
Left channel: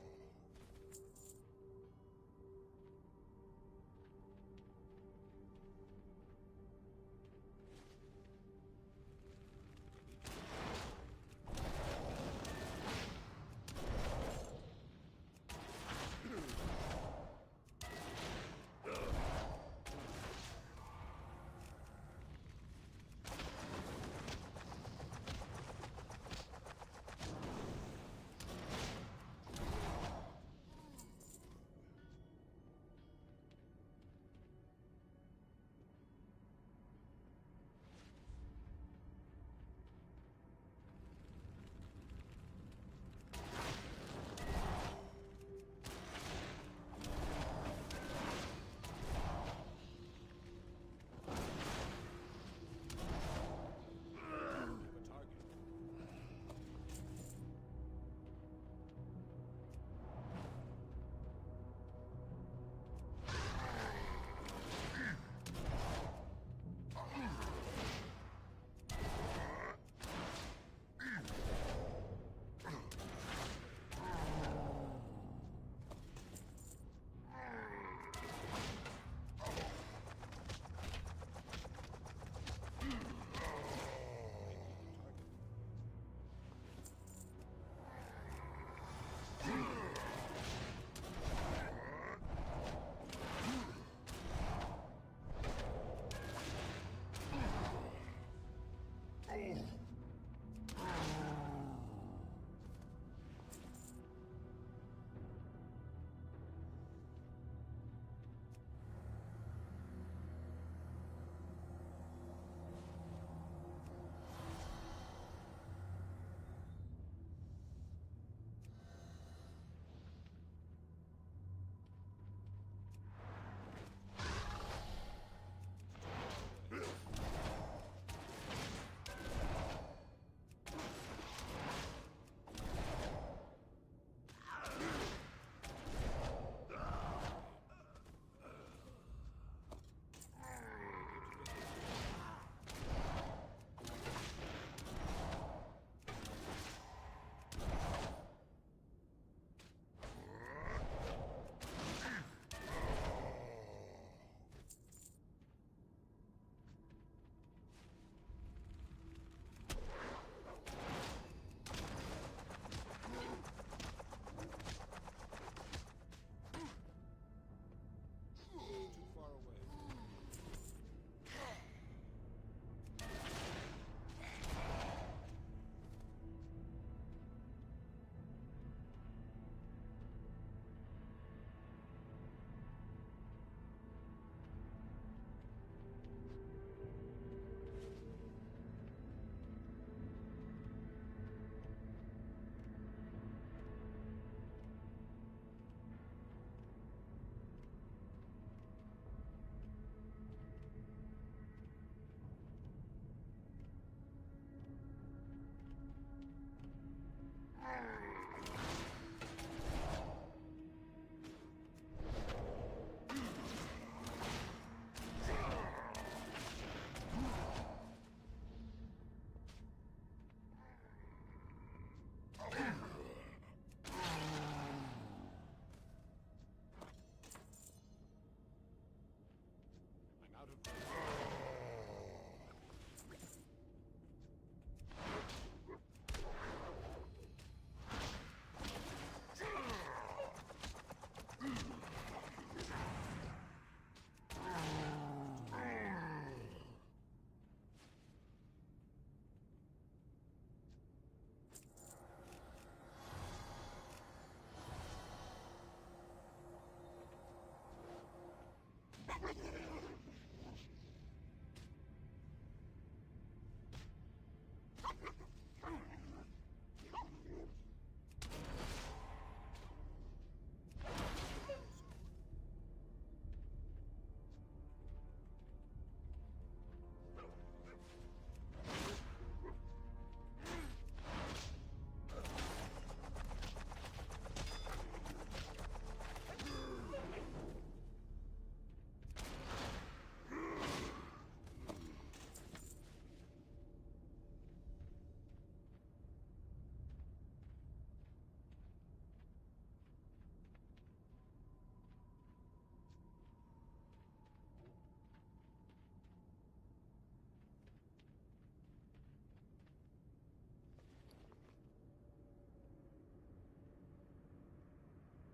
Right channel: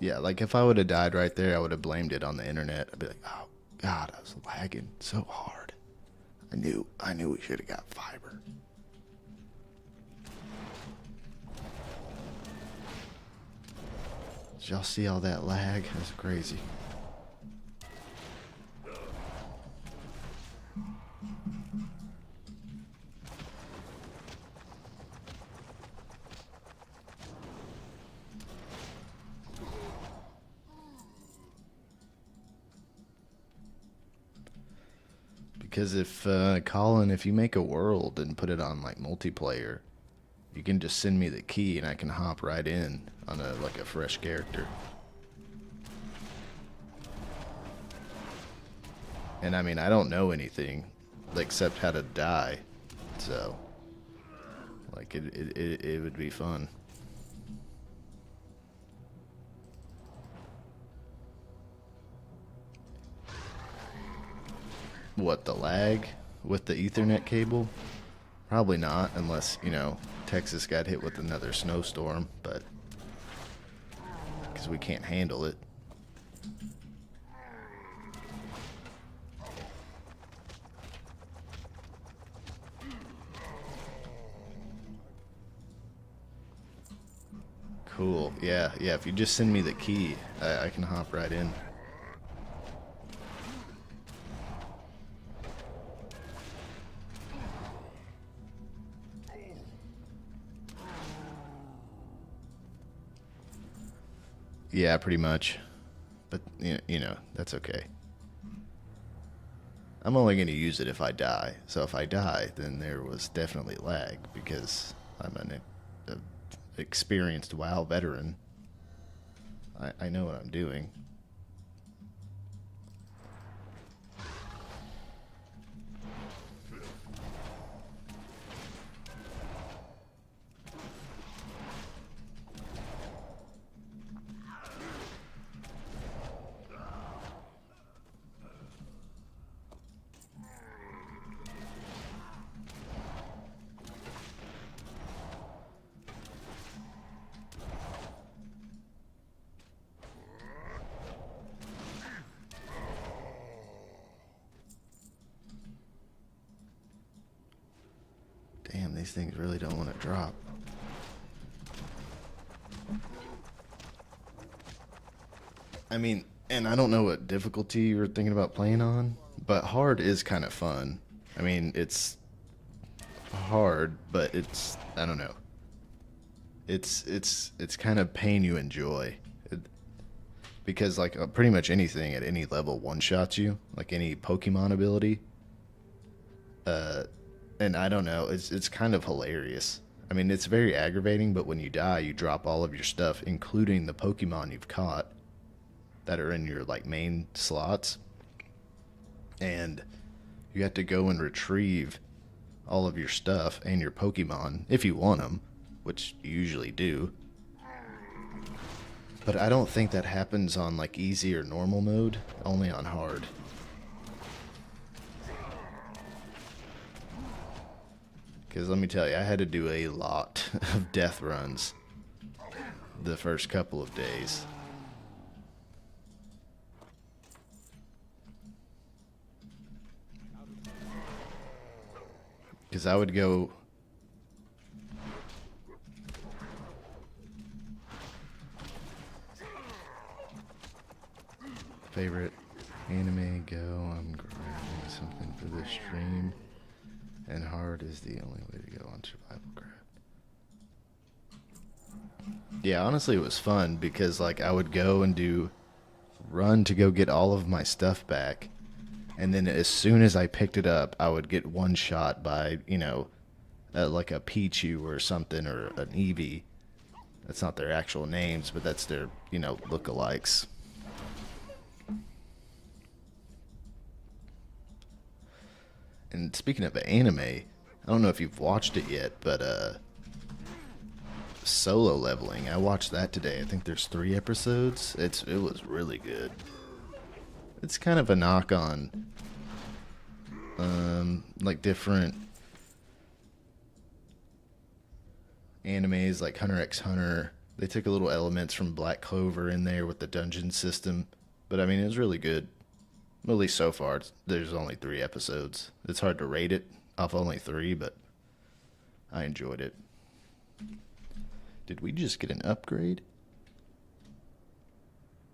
Yeah, like if I would have died right there, I would have blamed it on the internet. I'd be like, oh God, I was lagging so hard. I knew we should have got fiber. Did y'all see all that lag? It was crazy. Because if, Colin, if you make a world and put it on, like, multiplayer, you can just send me the key and I can hop right in on a fresh character. And, I mean, I don't know anything except how to die, so, like, it would be fun. What, the lag with the Ethernet cable? Probably not, unless, you know, Texas got hit with another snowstorm, but because we can't handle it. Cool. Yeah, if you just send me the key, I can hop right in. Yeah, pretty much. But, you know, that's okay. I'm only going to use it if I die. So if I die, then there was definitely lag because I'm an experienced WoW veteran. I know what I'm doing. Damn, these things really don't want to drop. I mean, and I don't know what difficulty you were thinking about playing on, but hard is kind of fun. I mean, it's hard, but it's, I don't know. It's kind of pain you enjoy. Because, like, pretty much anything at any level one-shots you, like any Pokemon ability. And I don't know, it's kind of hilarious. I mean, it's very aggravating, but when you die, you drop all of your stuff, including the Pokemon you've caught that are in your, like, main slots. And you have to go and retrieve all of your stuff and your Pokemon, if you want them, which you usually do. But I don't think that happens on, like, easy or normal mode, only on hard. Because let me tell you, I had to do a lot of death runs the first couple of days. Because I would go... Favorite anime, go, I'm grabbing something for this stream. And hard is the only way to go on survival craft. Yeah, honestly it was fun because, like, I would go and run to go get all of my stuff back. And then as soon as I picked it up, I would get one shot by, you know, like a Pichu or something, or an Eevee. That's not their actual names, but that's their, you know, lookalikes. And speaking of anime, I don't know if you've watched it yet, but Solo Leveling, I watched that today. I think there's 3 episodes. It was really good. It's kind of a knock on like different animes like Hunter x Hunter. They took a little elements from Black Clover in there with the dungeon system, but I mean, it was really good. Well, at least so far. There's only 3 episodes. It's hard to rate it off only 3, but I enjoyed it. Did we just get an upgrade?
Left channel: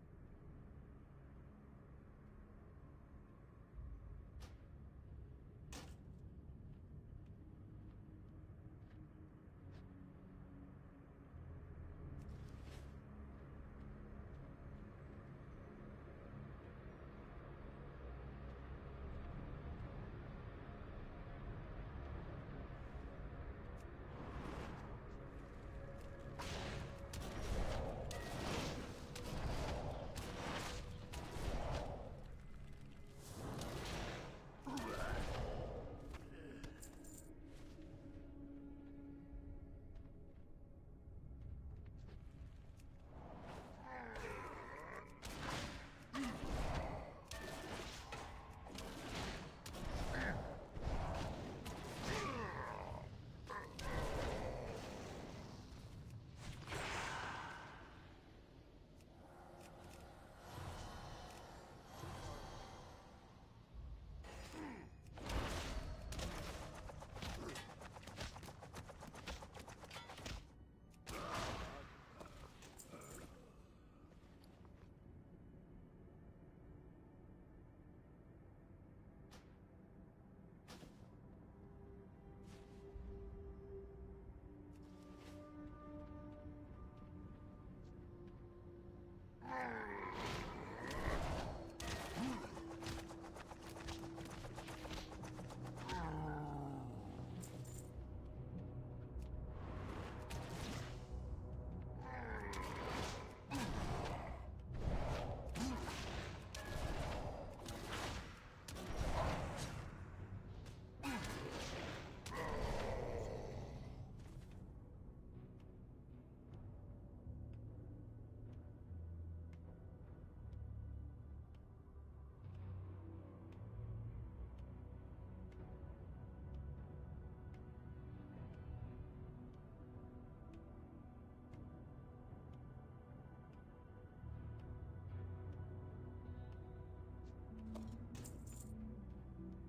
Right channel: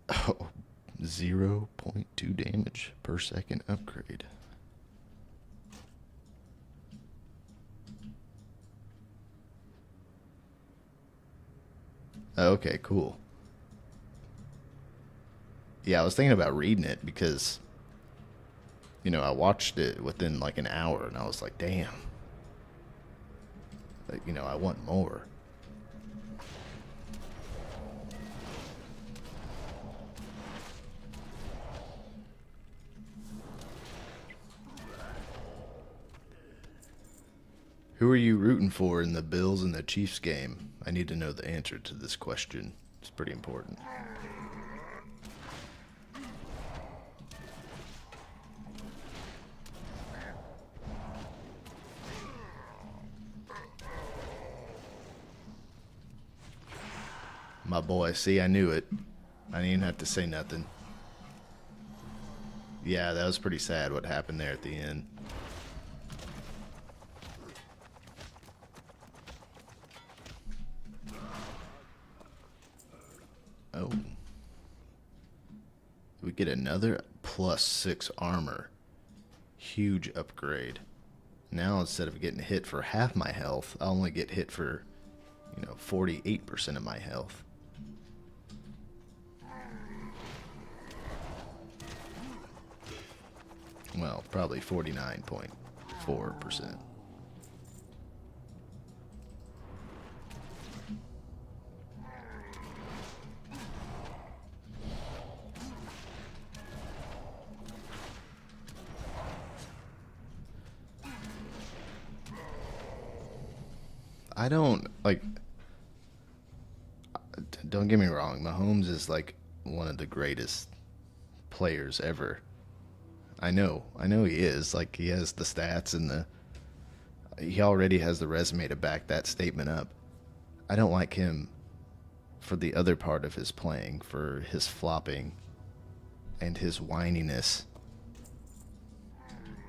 Oh, 0.2 damage per second upgrade. Okay, cool. Yeah, I was thinking about reading it because, you know, I watched it within like an hour and I was like, damn. Like, you know, I want more. Who are you rooting for in the Bills and the Chiefs game? I need to know the answer to this question. It's pretty important. My boy, see, I knew it. I didn't even have to say nothing. Yeah, that was pretty sad what happened there at the end. Oh. We get another +6 armor. Huge upgrade. Now instead of getting hit for half my health, I'll only get hit for, you know, 48% of my health. Well, probably 49.4%. I don't, like, don't get me wrong, Mahomes is like one of the greatest players ever. I know he is. Like, he has the stats and he already has the resume to back that statement up. I don't like him for the other part of his playing, for his flopping and his whininess.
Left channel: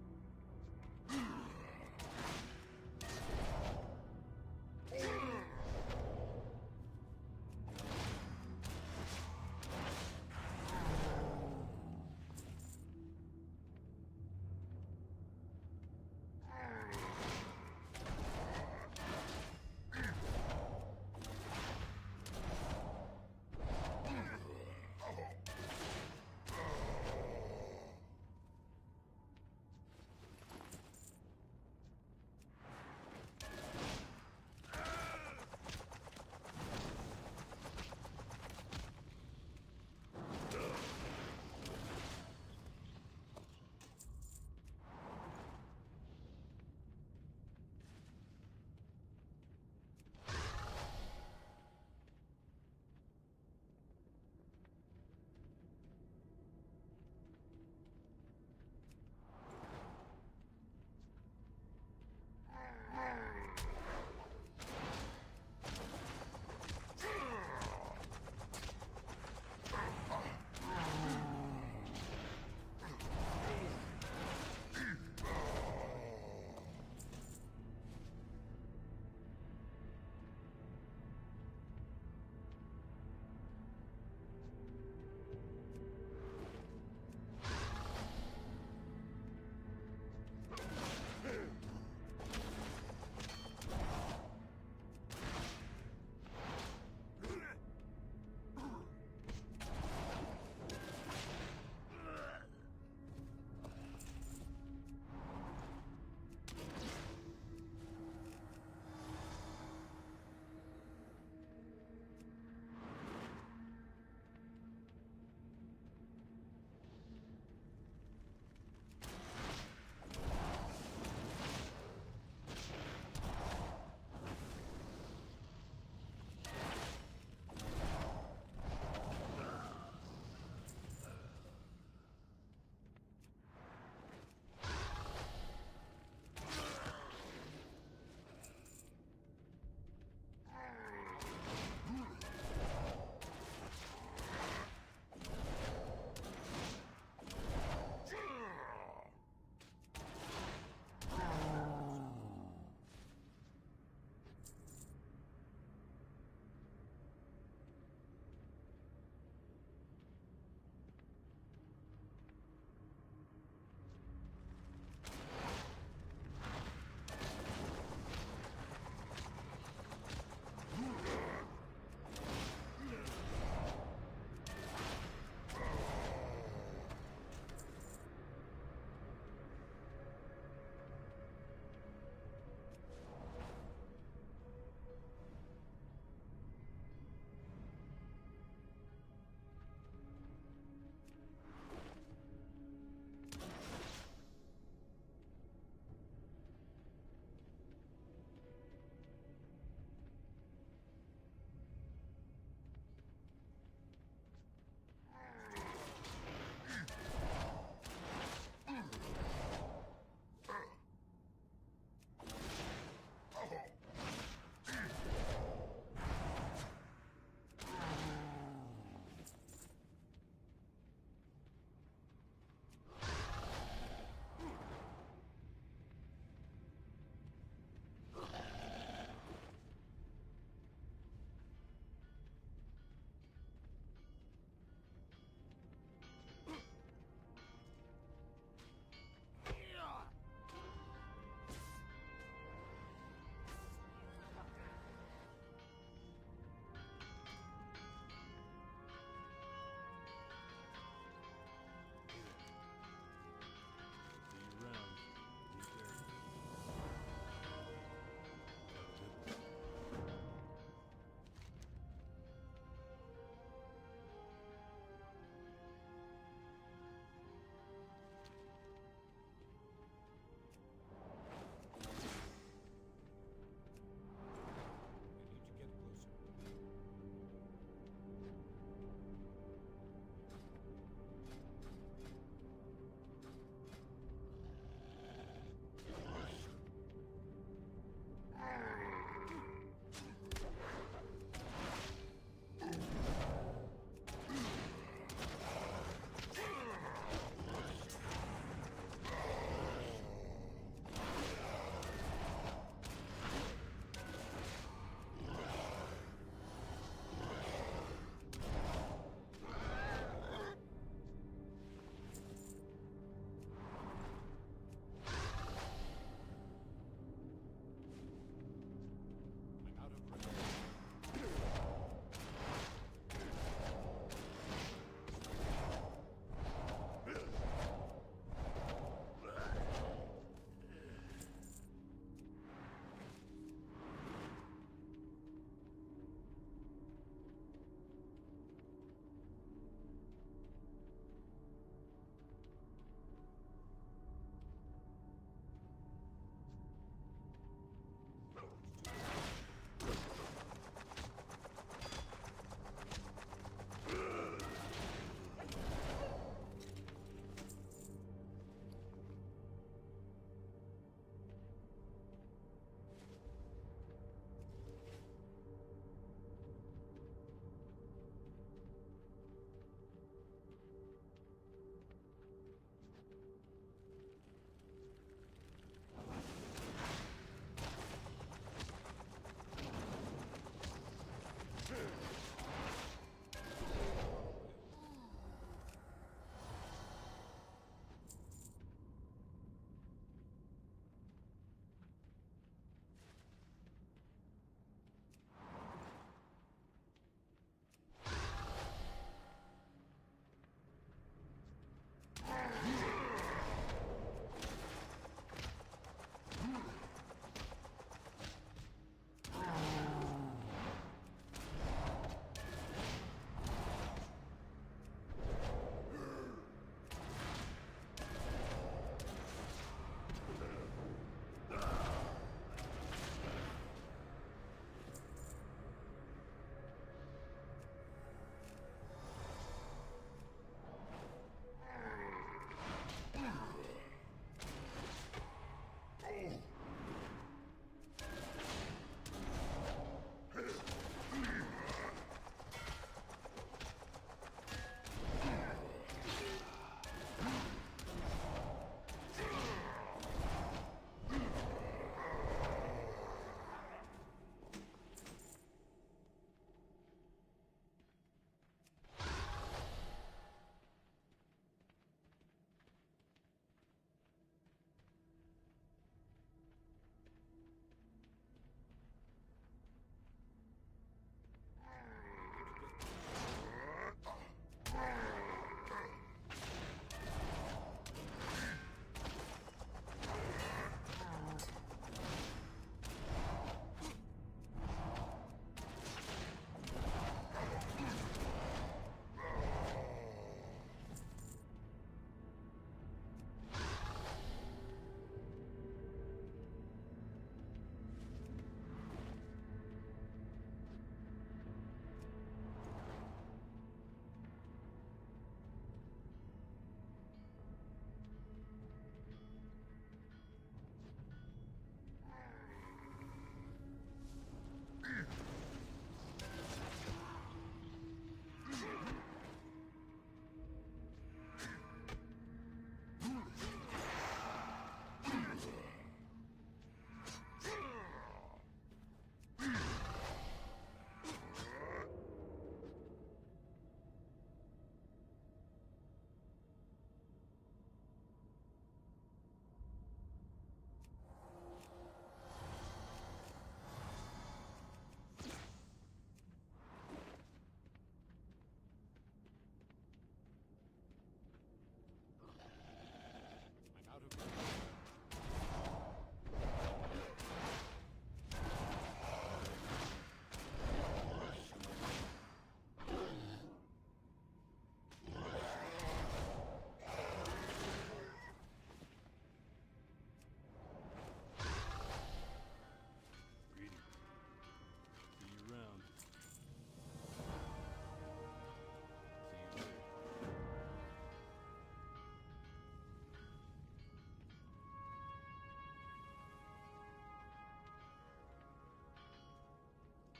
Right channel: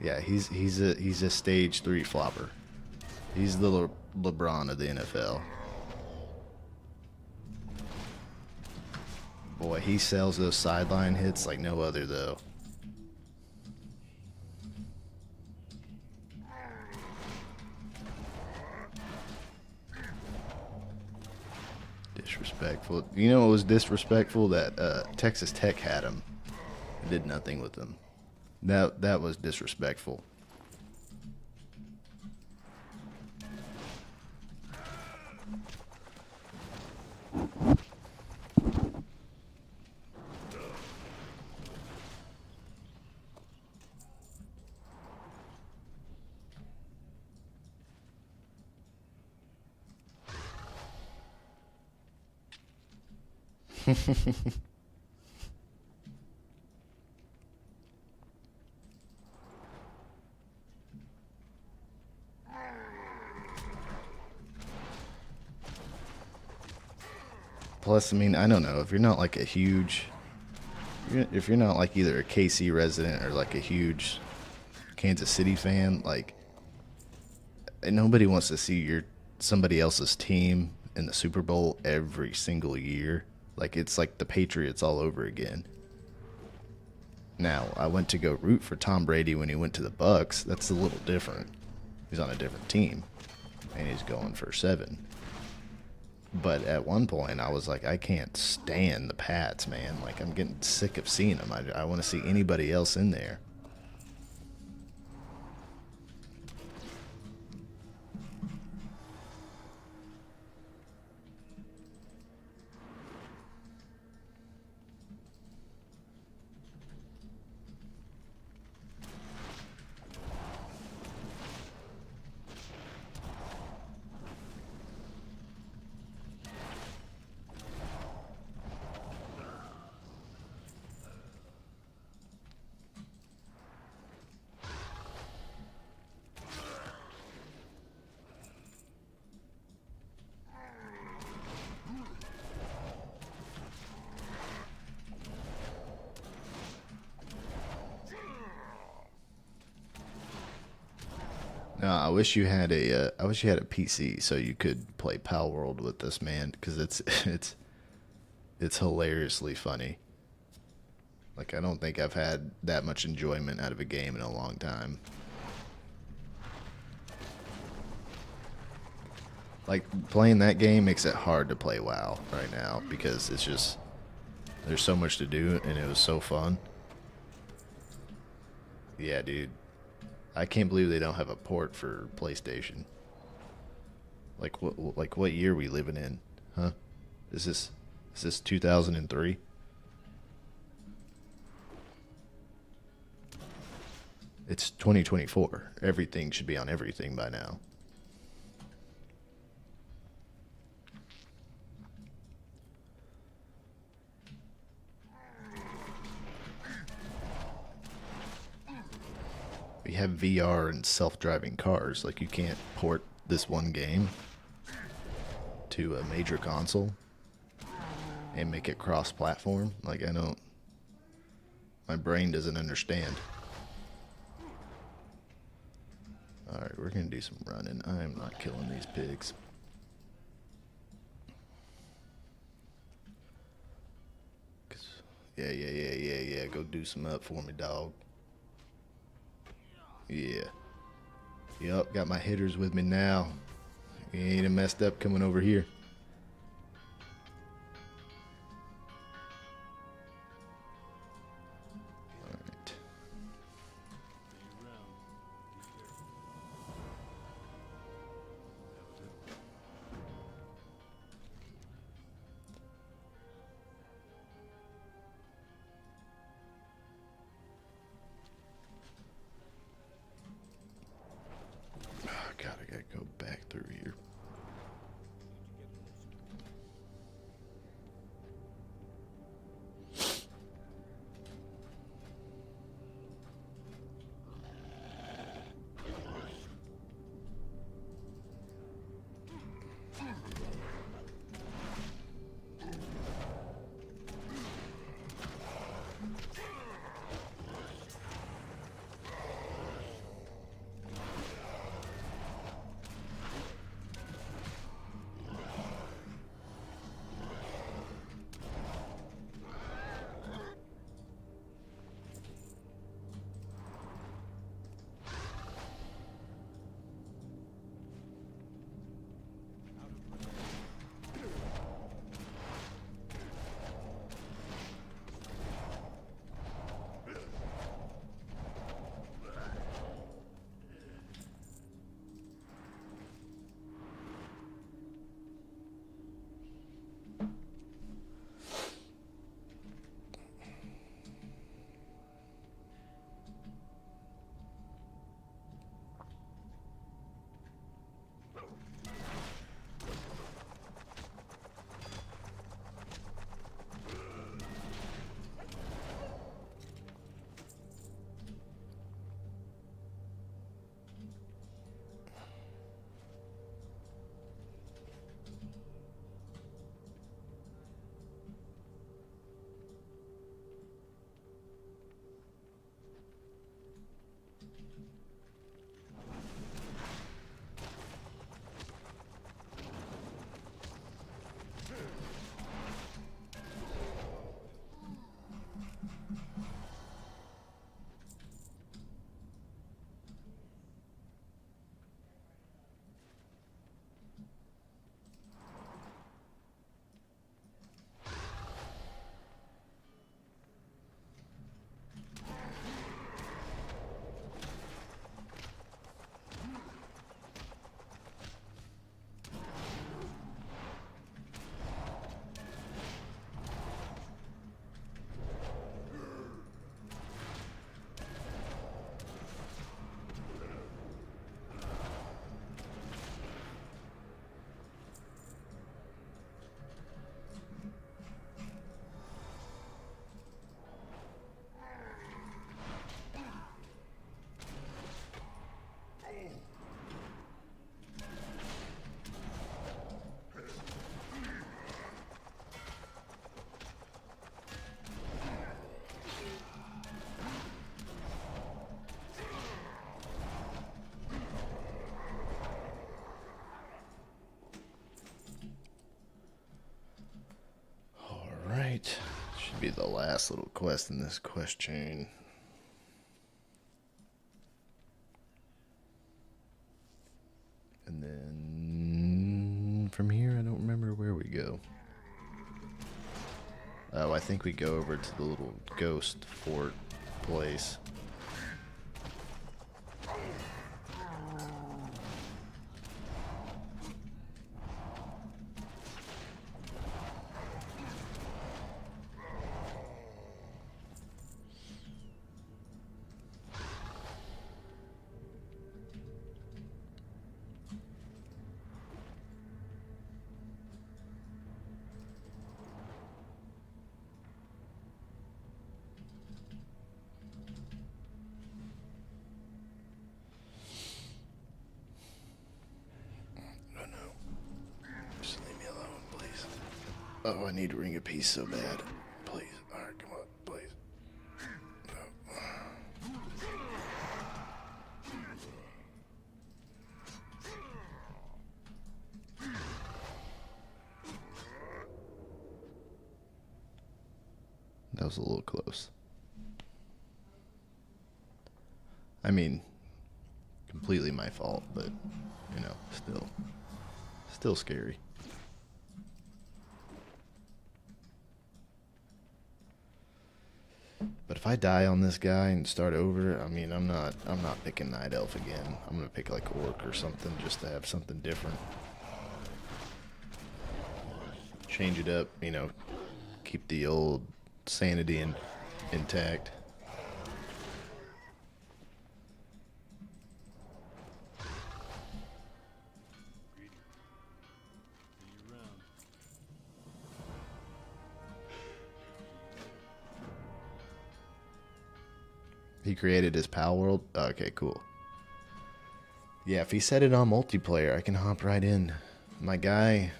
Yeah, he's a stage 3 flopper. He's the LeBron of the NFL. Boy, he sells those sideline hits like no other, though. Disrespectful. You know what was disrespectful? That Texas Tech had him. Did nothing with him. That was disrespectful. Plus, I mean, I don't know, if you're not like a huge, if you're not like either a KC resident or like a huge Kansas City fan, like, nobody wants to see somebody else's team in the Super Bowl every single year. Like, it's like the Patriots all over again. Now, I went to go root for Tom Brady when he went to the Bucks. That's a little different. He's on a different team, and he's going for 7. But at one point, I was like, I can't stand the Pats, man. Like, I'm getting sick of seeing them. I want to see anybody else in there. wish you had a I wish you had a PC so you could play Pal World with this, man, because it's hilariously funny. Like, I don't think I've had that much enjoyment out of a game in a long time. Like, playing that game makes it hard to play WoW right now because it's just, there's so much to do and it was so fun. Yeah, dude. I can't believe they don't have a port for PlayStation. Like what year are we living in? Huh? Is this 2003? It's 2024. Everything should be on everything by now. We have VR and self-driving cars. Like, you can't port this one game to a major console and make it cross-platform. Like, I don't... My brain doesn't understand. Alright, we're gonna do some running. I am not killing these pigs. Yeah. Go do some up for me, dog. Yeah. Yup, got my hitters with me now. We ain't messed up coming over here. Alright. God, I gotta go back through here. Should be the last little quest in this quest chain. And then from here, I don't remember where we go. Oh, I think we go over to the little ghost fort place. Oh, I need to ring a piece so bad. Please. Alright, come on, please. That was a little close. I mean, completely my fault, but, you know, still scary. But if I die on this guy and start over, I mean, I'm not picking Night Elf again. I'm gonna pick like Orc or something just to have something different. Change it up, you know, keep the old sanity intact. He created his pal world? Okay, cool. Yeah, if he set it on multiplayer, I can hop right in. My guy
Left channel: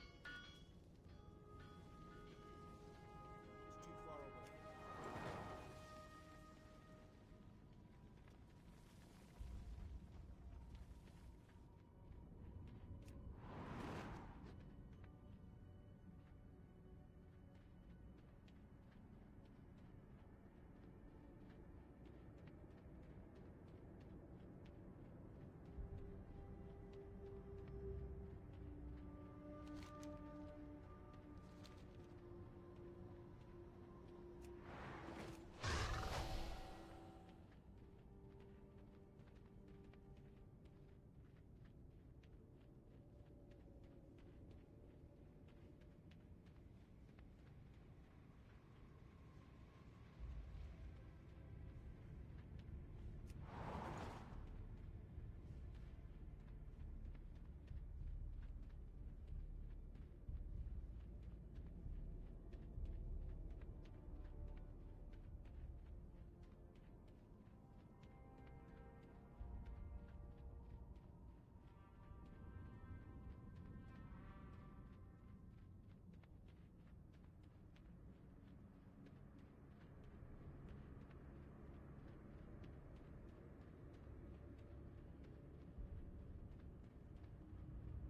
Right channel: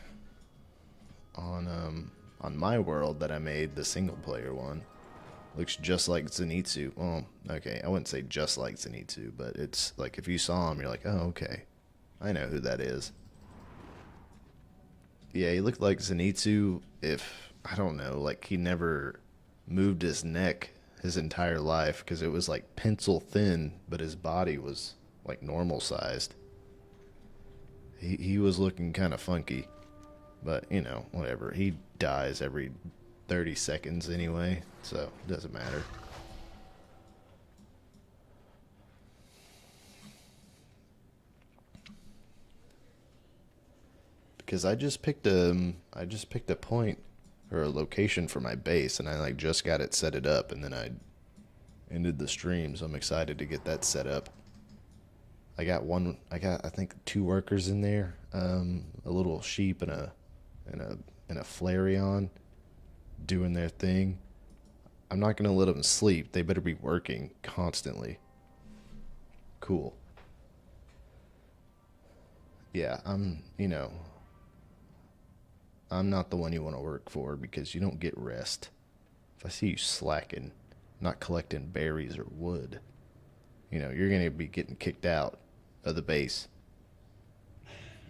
on my world that I made, the single player one, looks just like Zenitsu. Well, okay, I wouldn't say just like Zenitsu, but it's like if you saw him, you're like, oh, okay. I know who that is. Yeah, he looked like Zenitsu if, I don't know, like he never moved his neck his entire life because it was like pencil thin, but his body was like normal sized. He was looking kind of funky, but you know, whatever. He dies every 30 seconds anyway, so it doesn't matter. Because I just picked a point or a location for my base, and I like just got it set it up, and then I ended the stream, so I'm excited to get that set up. I got I think 2 workers in there, a little sheep and a Flareon doing their thing. I'm not gonna let them sleep. They better be working constantly. Cool. Yeah, you know, I'm not the one you want to work for because you don't get rest. If I see you slacking, not collecting berries or wood, you know, you're going to be getting kicked out of the base.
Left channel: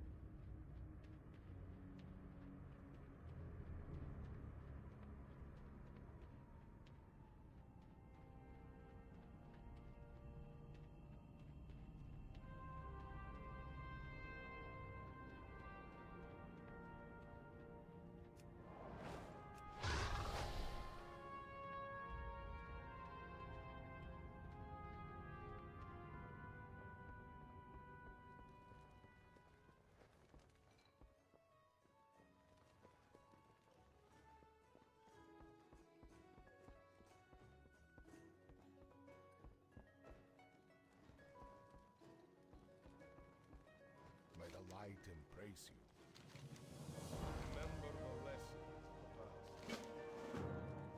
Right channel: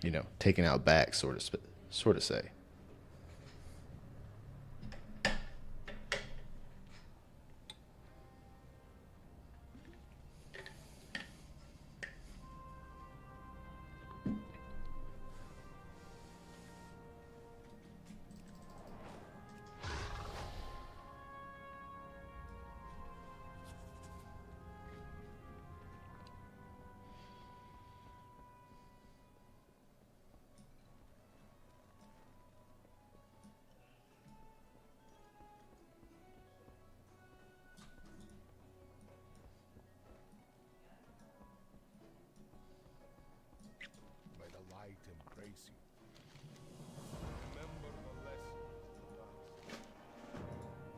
You know, taken out back, sort of say. May the light embrace you. Remember the lessons of the past.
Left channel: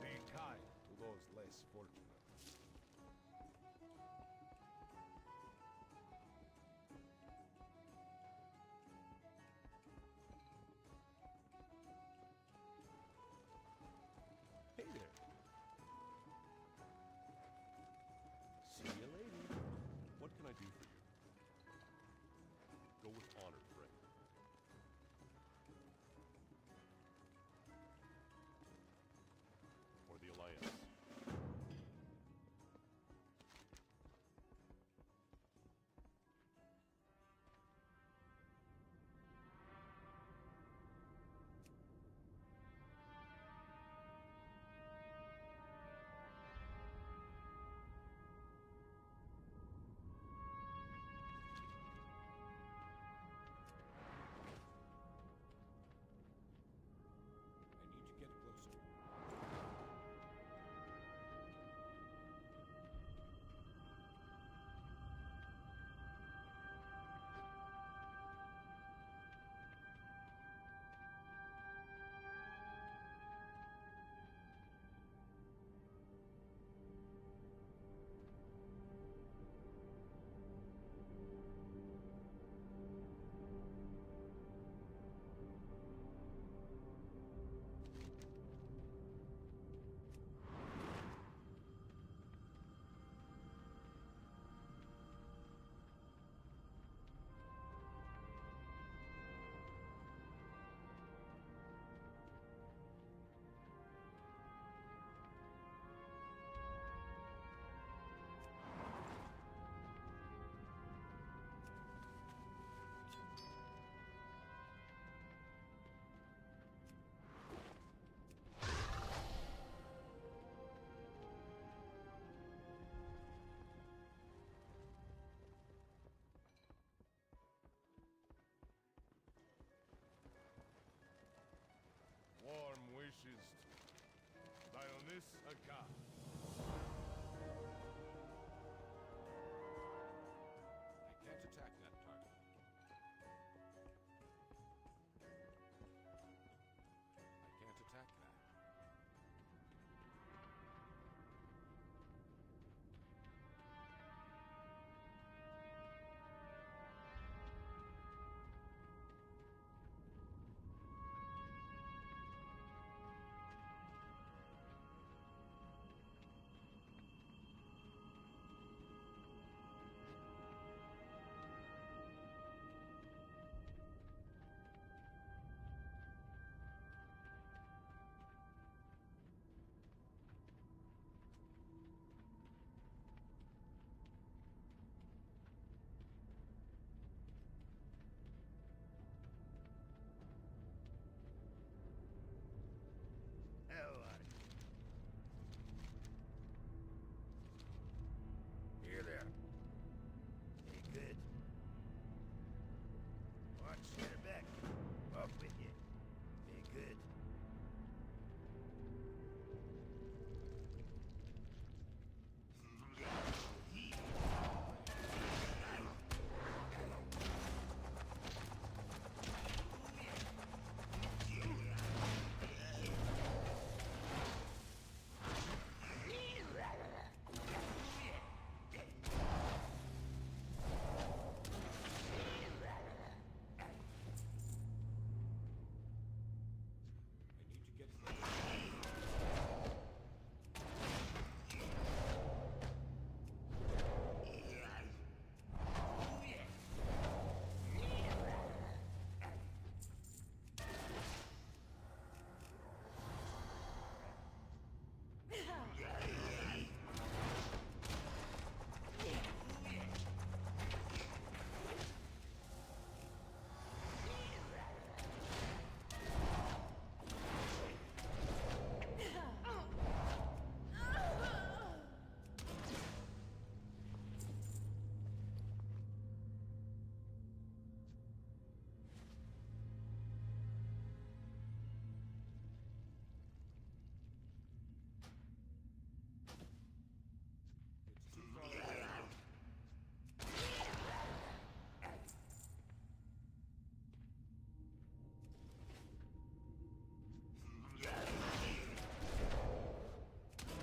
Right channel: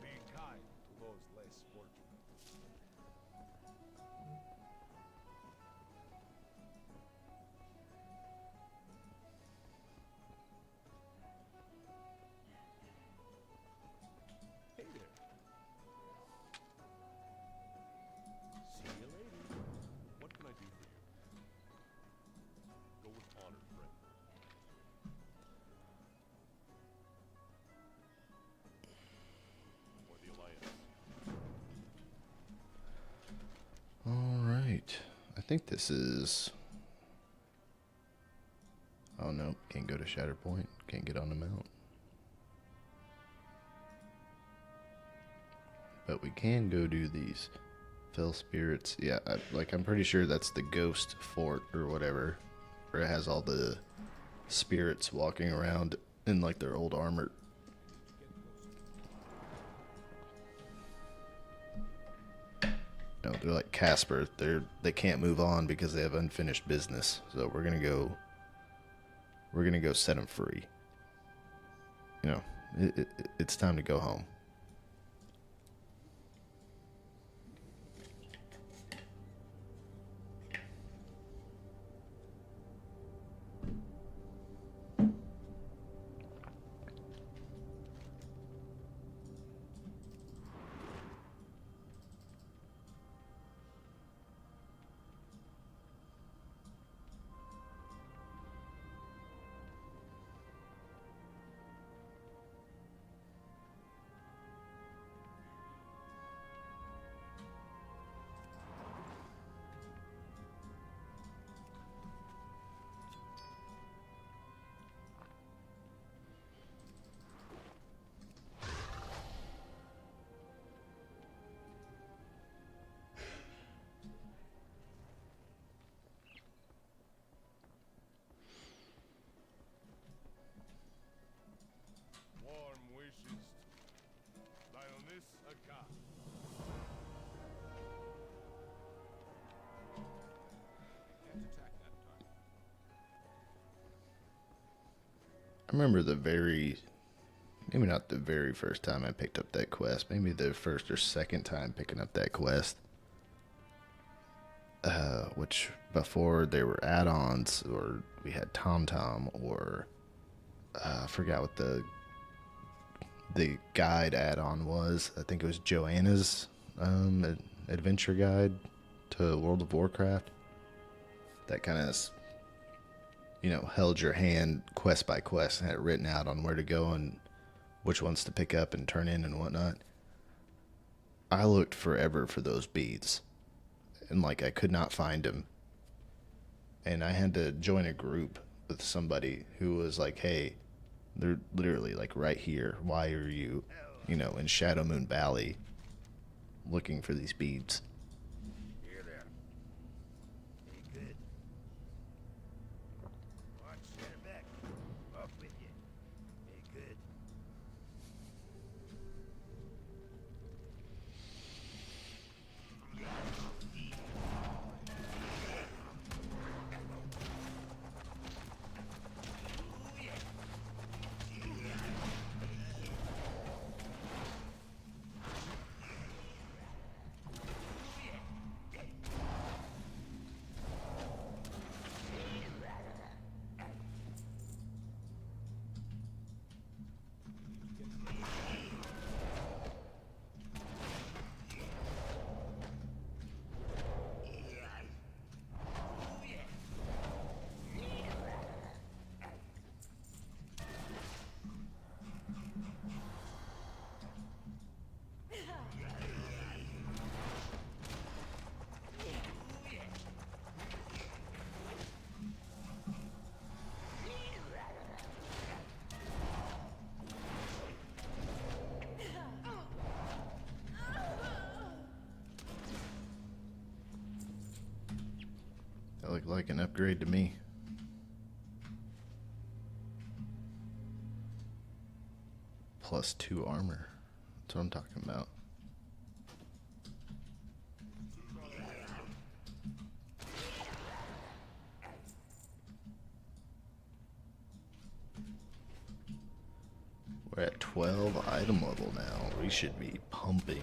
Be kind to those less fortunate. Hey there. See you later. What can I do for you? Go with honor, friend. For the think this is... Oh no, can't go to Shatterpoint. Can't get on the mount. But we can go do these Fell Spirits. Yeah, I'm pretty sure that's the Ghost Fort or whatever, where it has all the spirits walking around in like their old armor. No, they're like Casper. They can't move on because they have unfinished business. So we're gonna go set them free. You know, it's time to go home. Warm wishes. Dionys Aka. I can't attack that target. I remember maybe not the very first time I picked up that quest, maybe the first or second time picking up that quest. Which before there were add-ons, or we had TomTom, or I forgot what the guide add-on was. I think it was Joanna's adventure guide to World of Warcraft. That kind of, held your hand quest by quest and had it written out on where to go and which ones to pick up and turn in and whatnot. I looked forever for those beads, and I could not find them. And I had to join a group with somebody who was like, hey, they're literally right here. Why are you, in Shadow Moon Valley looking for these beads? Here there. Hey, good. Watch, stand back. Off with you. Hey, good. That looked like an upgrade to me. +2 armor. That's what I'm talking about. We're at 12 item level now. We should be pumping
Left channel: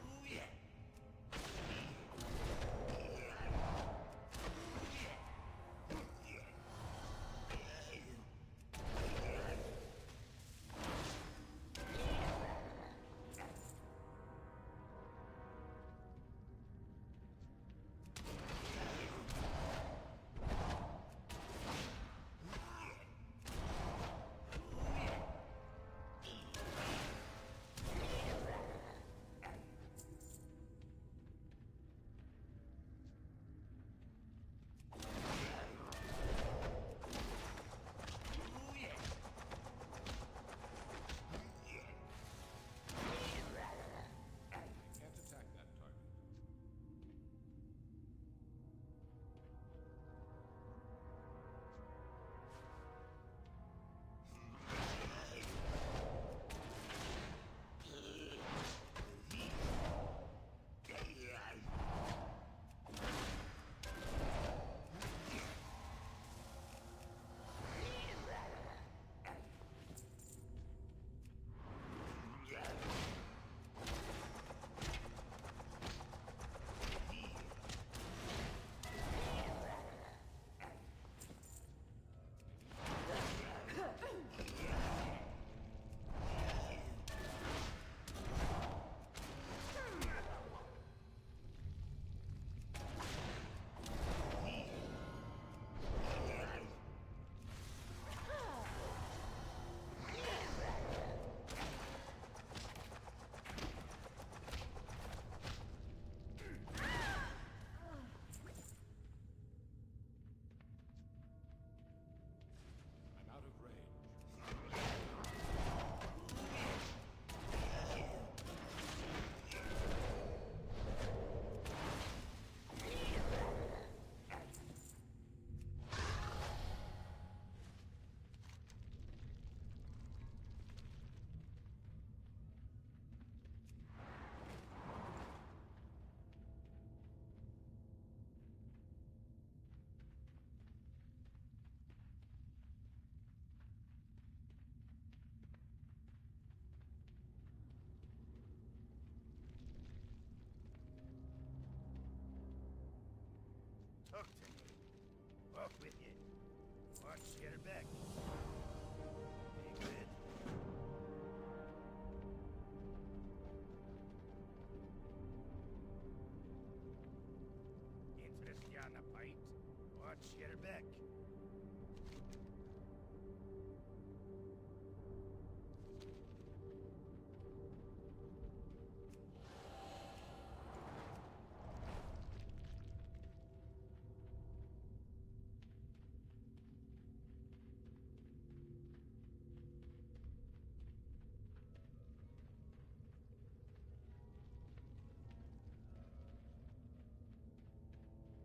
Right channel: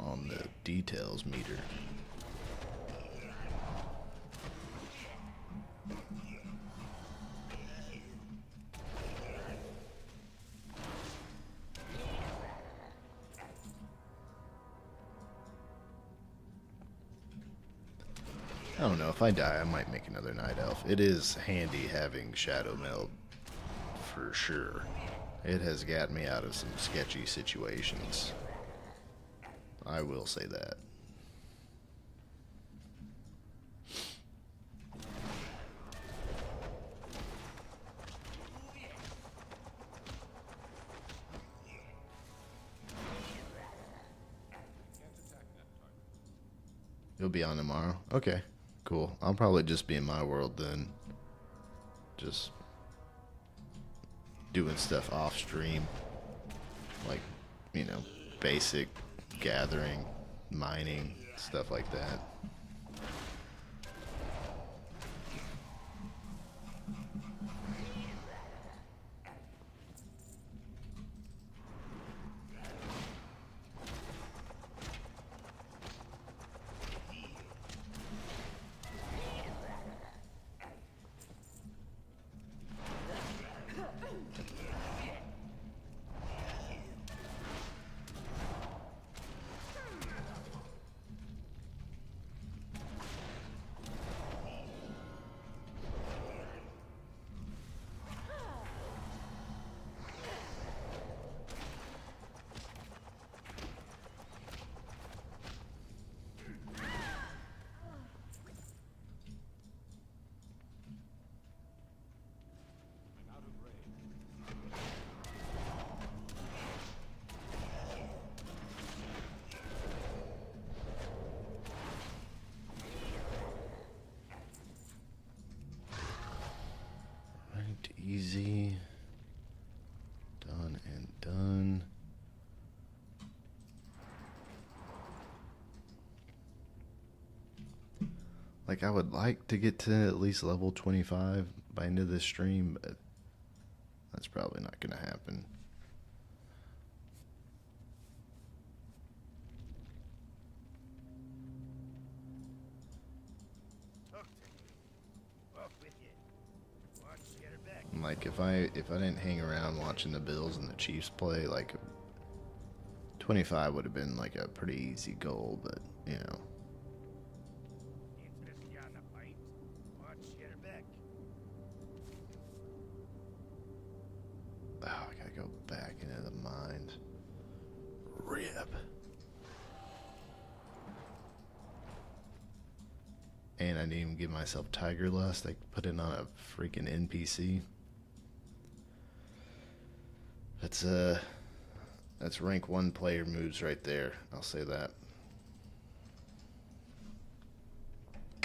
on the details meter. I don't know, if I die, I might make another Night Elf. It is handy having Shadow Meld, for sure. It has got me out of some sketchy situations. I will say that. You'll be on tomorrow? Okay, cool. I'll probably just be in my world then. Just doing stuff off stream. Like, you know, basic gathering, mining, stuff like that. I'm out of range. Right, easy. Done and done. Like, I would like to get to at least level 25 by end of this stream, but that's probably not going to happen. Talk to me. Off with you. Watch, get her back. Like, if I didn't hang around watching the Bills and the Chiefs play, like 25 would have been like a pretty easy goal, but you know. Interested on the fight? Watch, get her back. Oh, I gotta go back into the mines. Rip. And I didn't even give myself Tiger Lust. I put it on a freaking NPC. That's rank 1 player moves right there. I'll say that. I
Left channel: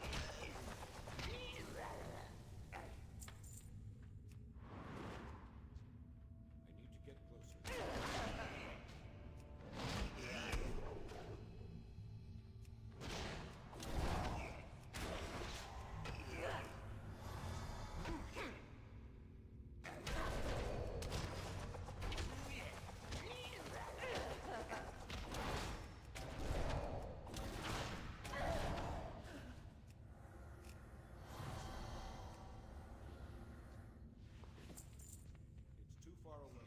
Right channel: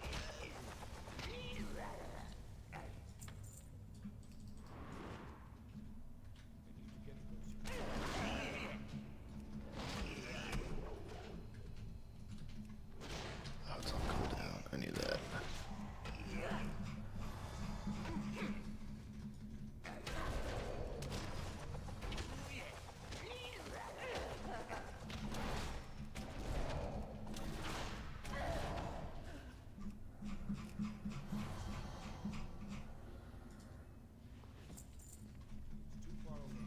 need to get closer. Oh, it's all cooled down. I knew that. It's too far away.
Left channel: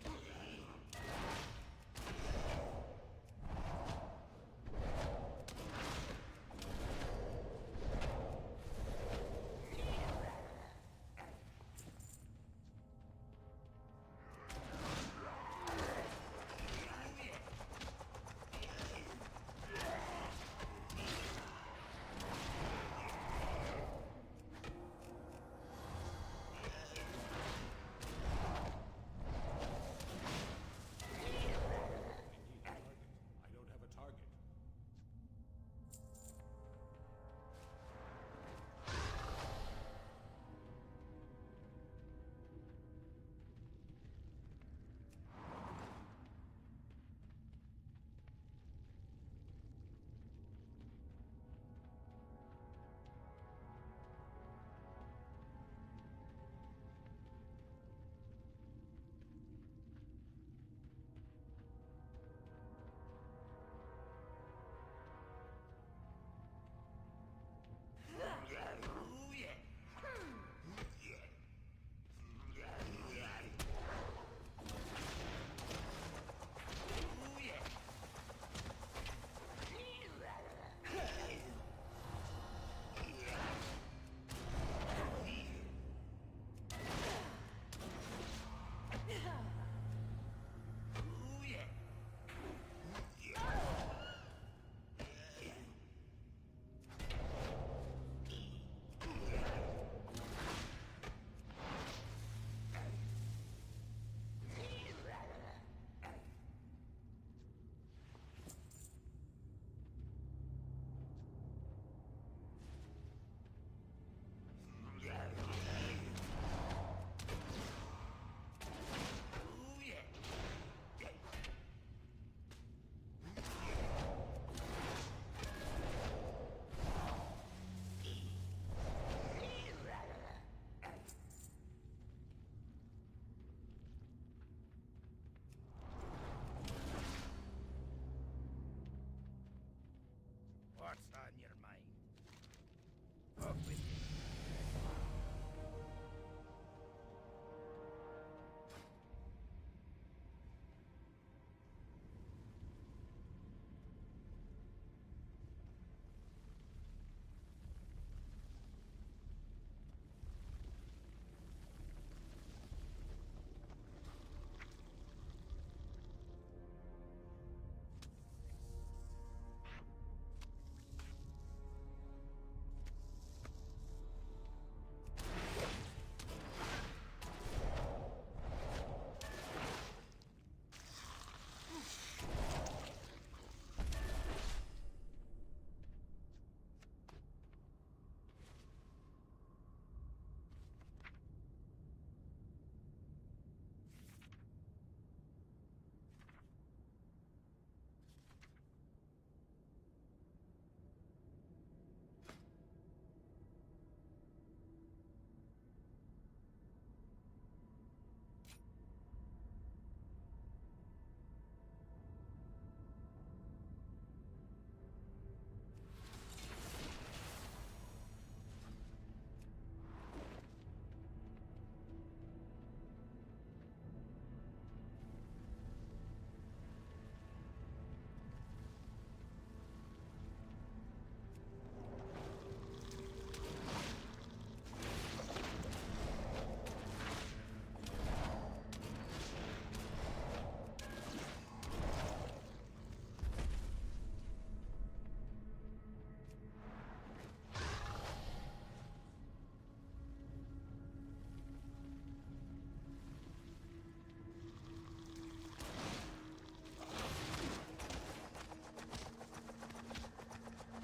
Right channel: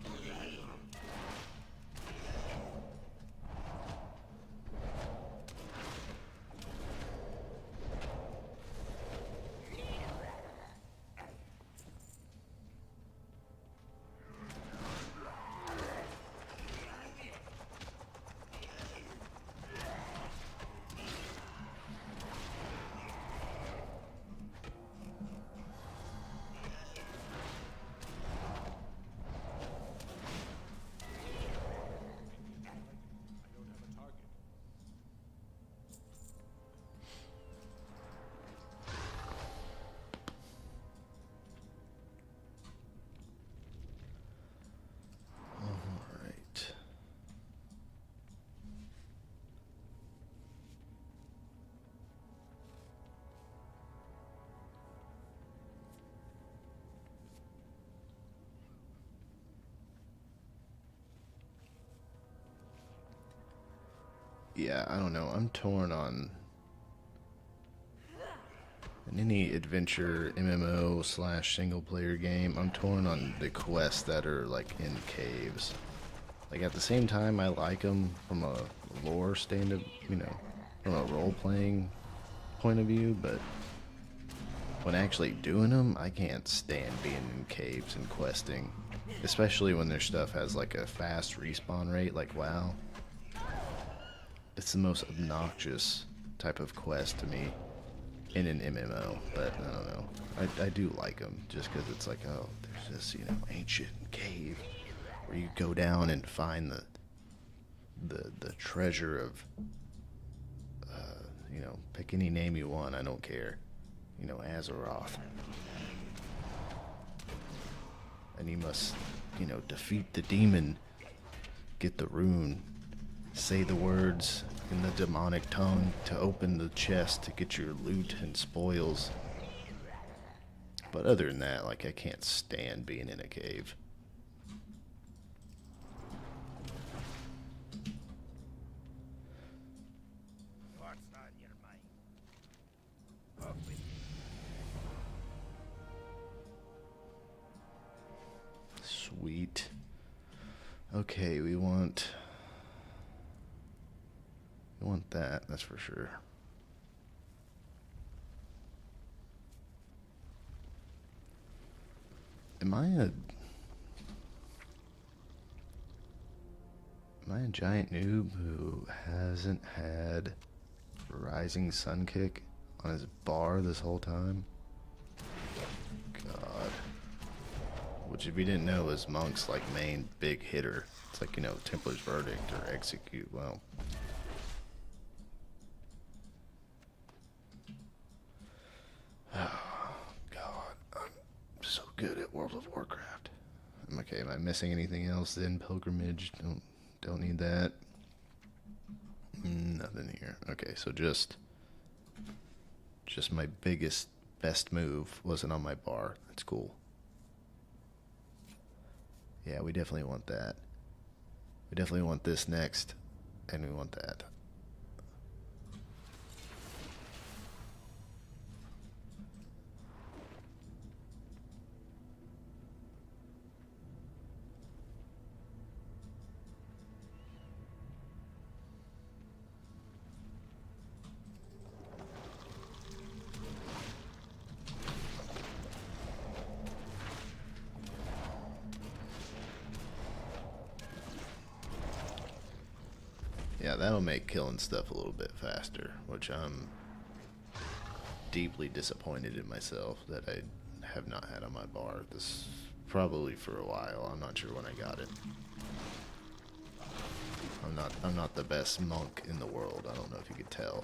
I don't have a target. All right. Yeah, I don't know. I'm torn on in any adventure MMO / single player game. I'm torn on the quests that are like in caves. Like at the same time, I like them from a lore stand-up, you know, from a role playing point of view. But when actually doing them, I can't stand being in caves and questing. Especially when their stuff has like a fast respawn rate like WoW. It's the most obnoxious type of quest to me in an MMO, but I don't know. I do like them just because it's like, oh, there's this, you know, ancient cave where you go down and find the treasure of, you know, pick any name you want, I don't care. You know, Azeroth. And you must, you know, defeat the demon, get the rune, say the words in the demonic tongue to open the chest to get your loot and spoils. But other than that, like, I can't stand being in a cave. What's on your mind? Off with you. Sweet. Okay, we want that, that's for sure. Am I a giant noob who hasn't had Rising Sun Kick on his bar this whole time? God. Which, if you didn't know, is Monk's like main big hitter. It's like, you know, Templar's Verdict or Execute. Well, oh God, I'm so good at World of Warcraft. Okay, am I missing anything else then? Pilgrimage, don't need that. Nothing here. Okay, so just my best move wasn't on my bar. That's cool. Yeah, we definitely want that. We definitely want this next, and we want that. Yeah, that'll make killing stuff a little bit faster, which I'm deeply disappointed in myself that I have not had on my bar. This probably for a while. I'm not sure when I got it. I'm not the best monk in the world. I don't know if you could tell.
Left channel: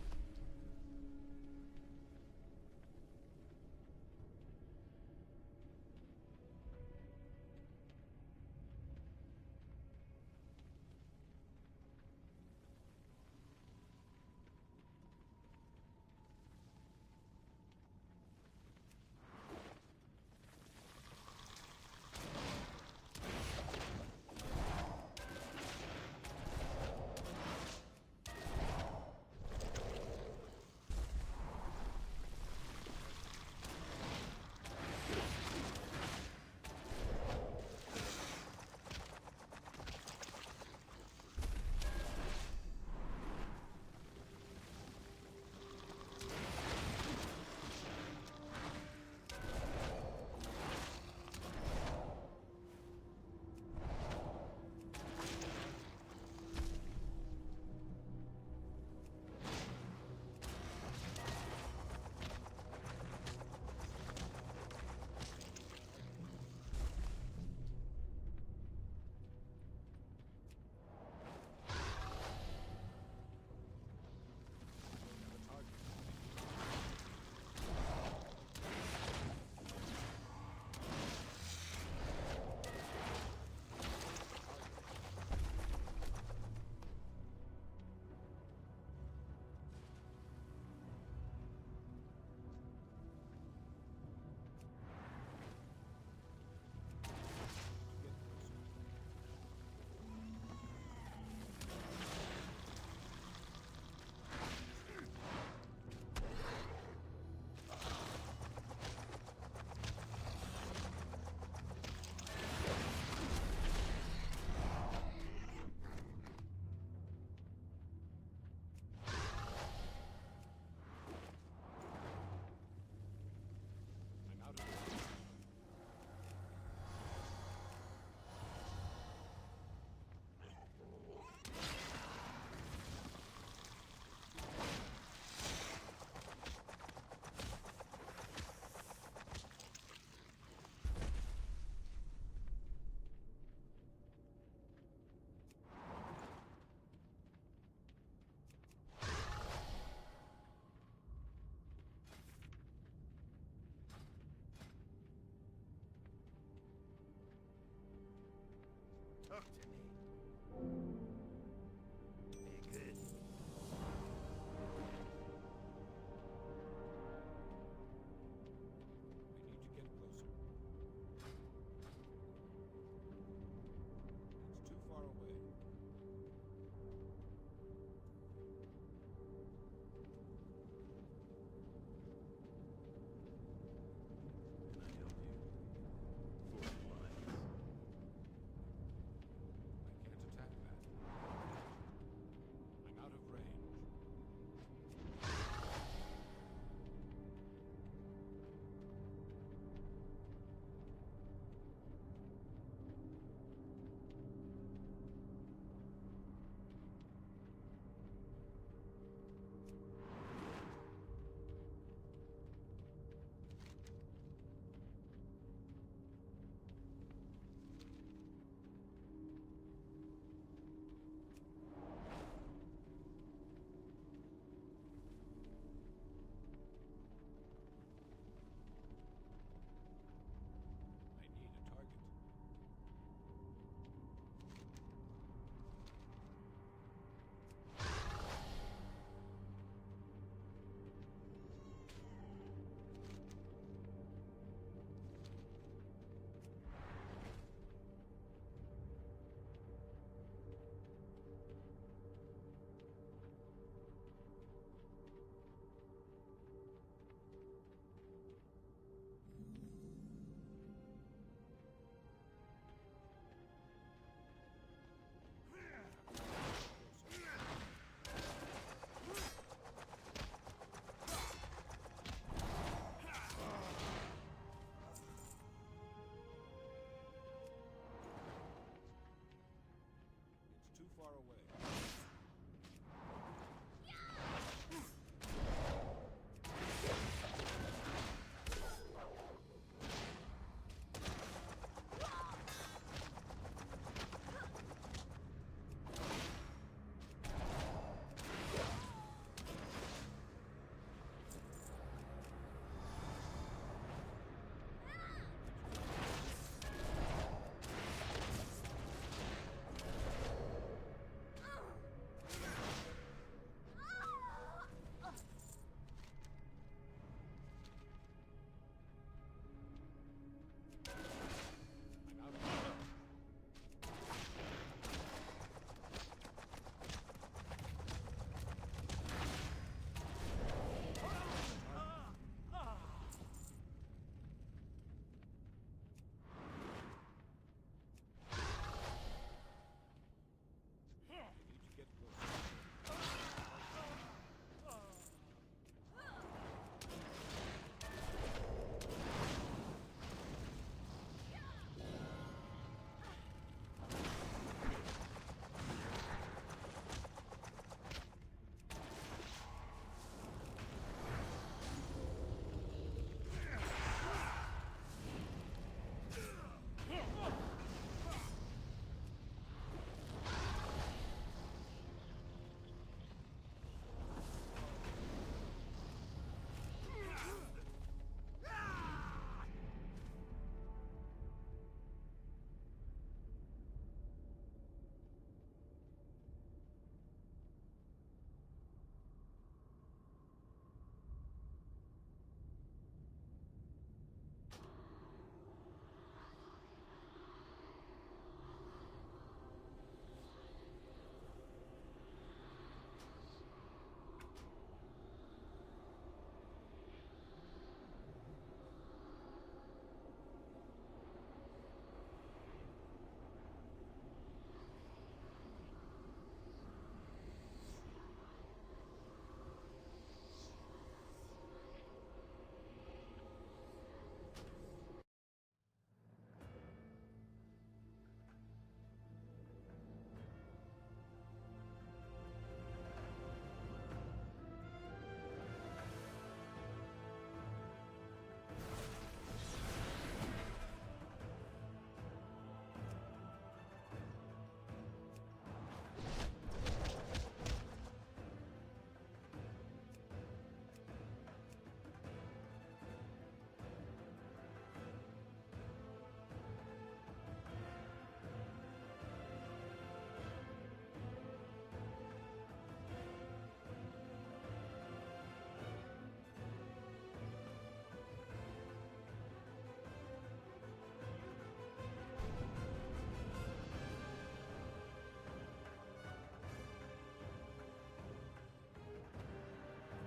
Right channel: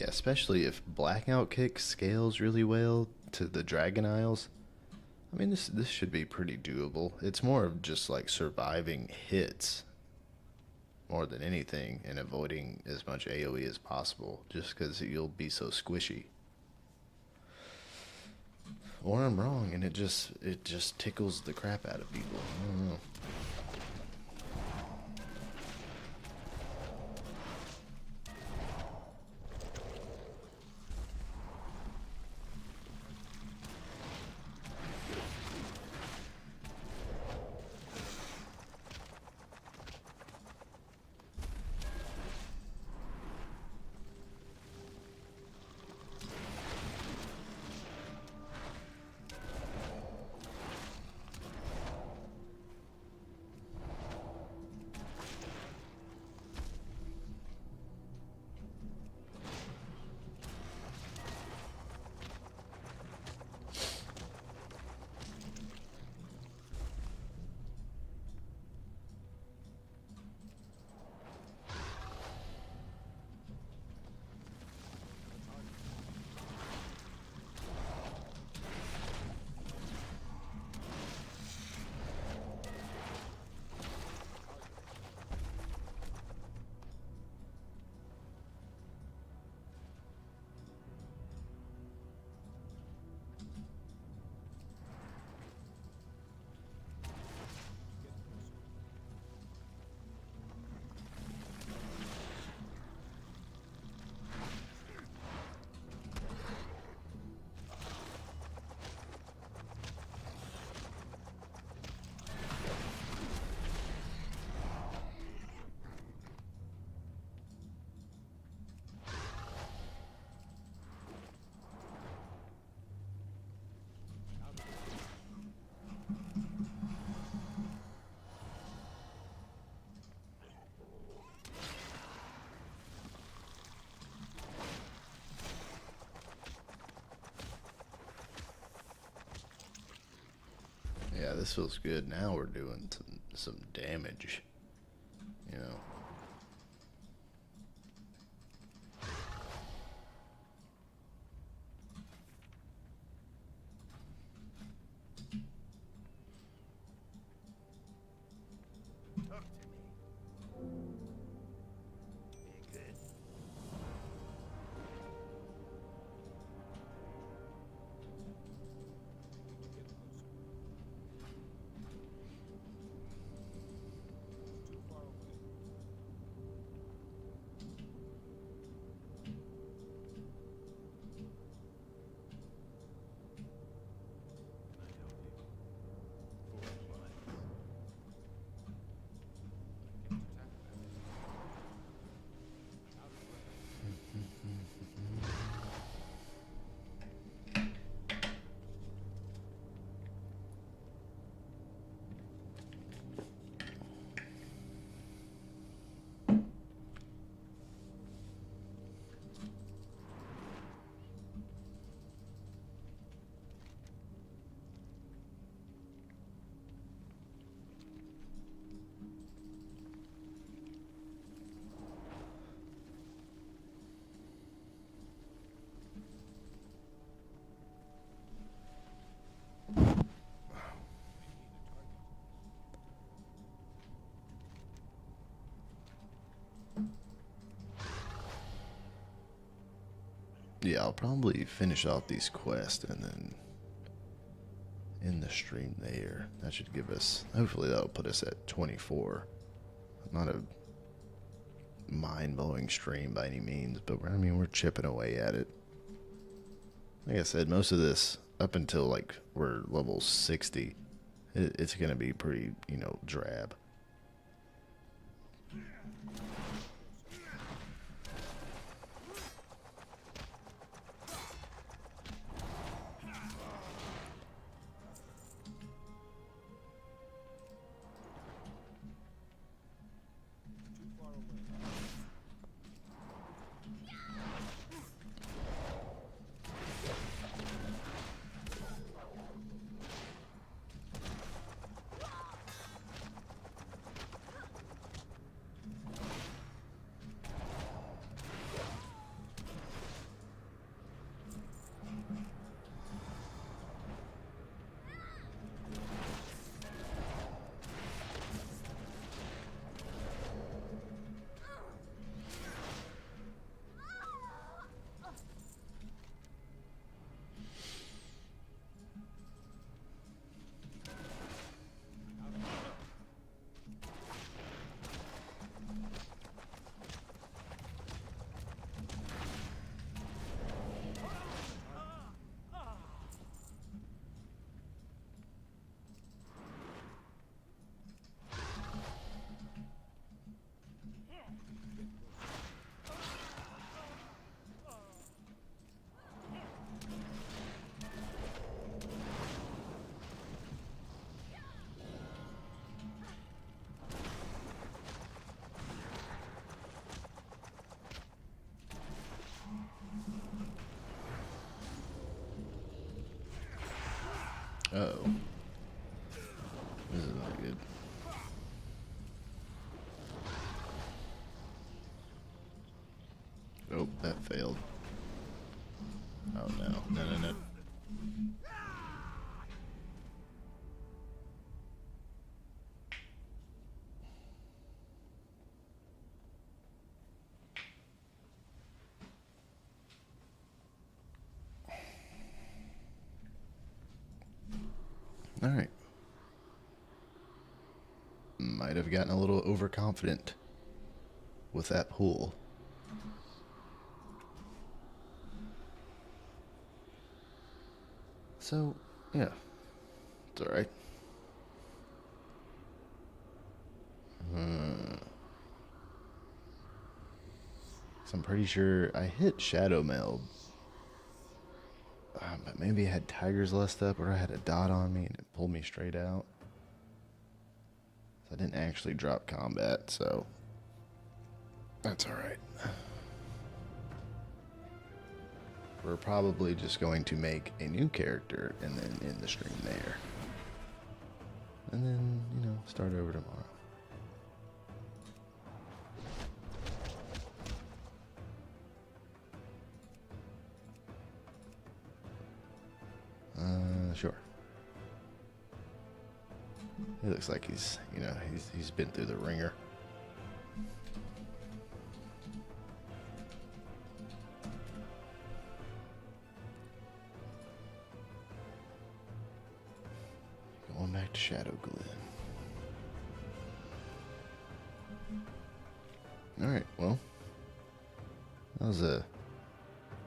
Yeah, especially if Blackout Kick scales really well to the Dragon Isles. I mean, this should be pretty doable. It's more of just like surviving hits more than anything and avoiding as much AoE as possible, just because you'll be so squishy. Or I'm wrong, and it just tickles the crap out of people. I don't know. this feels good. Now we're doing some damage. You know. Talk to me. Be good. We need to get closer. It's too far away. Can I help you? For clients. I can't attack that. I'm out of range. I need a target. Yeah, I'll probably finish off these quests and then end the stream there. That should give us, hopefully that'll put us at 24. Not a mind-blowing stream by any means, but I mean, we're chipping away at it. Like I said, most of this, up until like we're level 60, it's going to be pretty, you know, drab. It's too far away. Uh-oh. Not good. Oh, that failed. Oh no, no, no, no. All right. Might have gotten a little overconfident with that pool. So, yeah. It's alright. So I'm pretty sure I hit Shadow Meld. But maybe I had Tiger's Lust up, or I had a dot on me and it pulled me straight out. So I didn't actually drop combat, so that's alright. We're probably just going to make a new character and then end the stream there. and then, you know, start over tomorrow. Sure. He looks like he's, you know, he's been through the ringer. Going back to Shadow Glen. Alright, well, that was a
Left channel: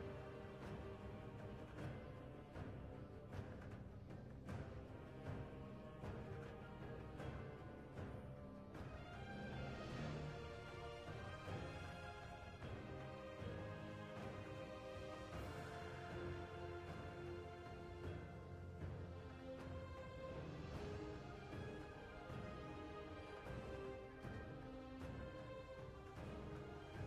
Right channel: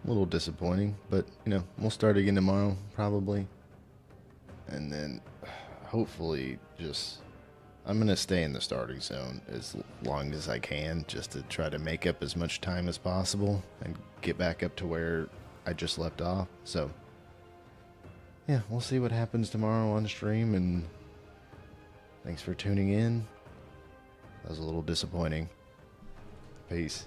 little disappointing, but, you know, we'll start again tomorrow, probably. And then, hopefully, I'm going to stay in the starting zone as long as I can, just to try to make up as much time as possible and get back up to where I just left off. So, yeah, we'll see what happens tomorrow on stream, and thanks for tuning in. That was a little disappointing. Peace.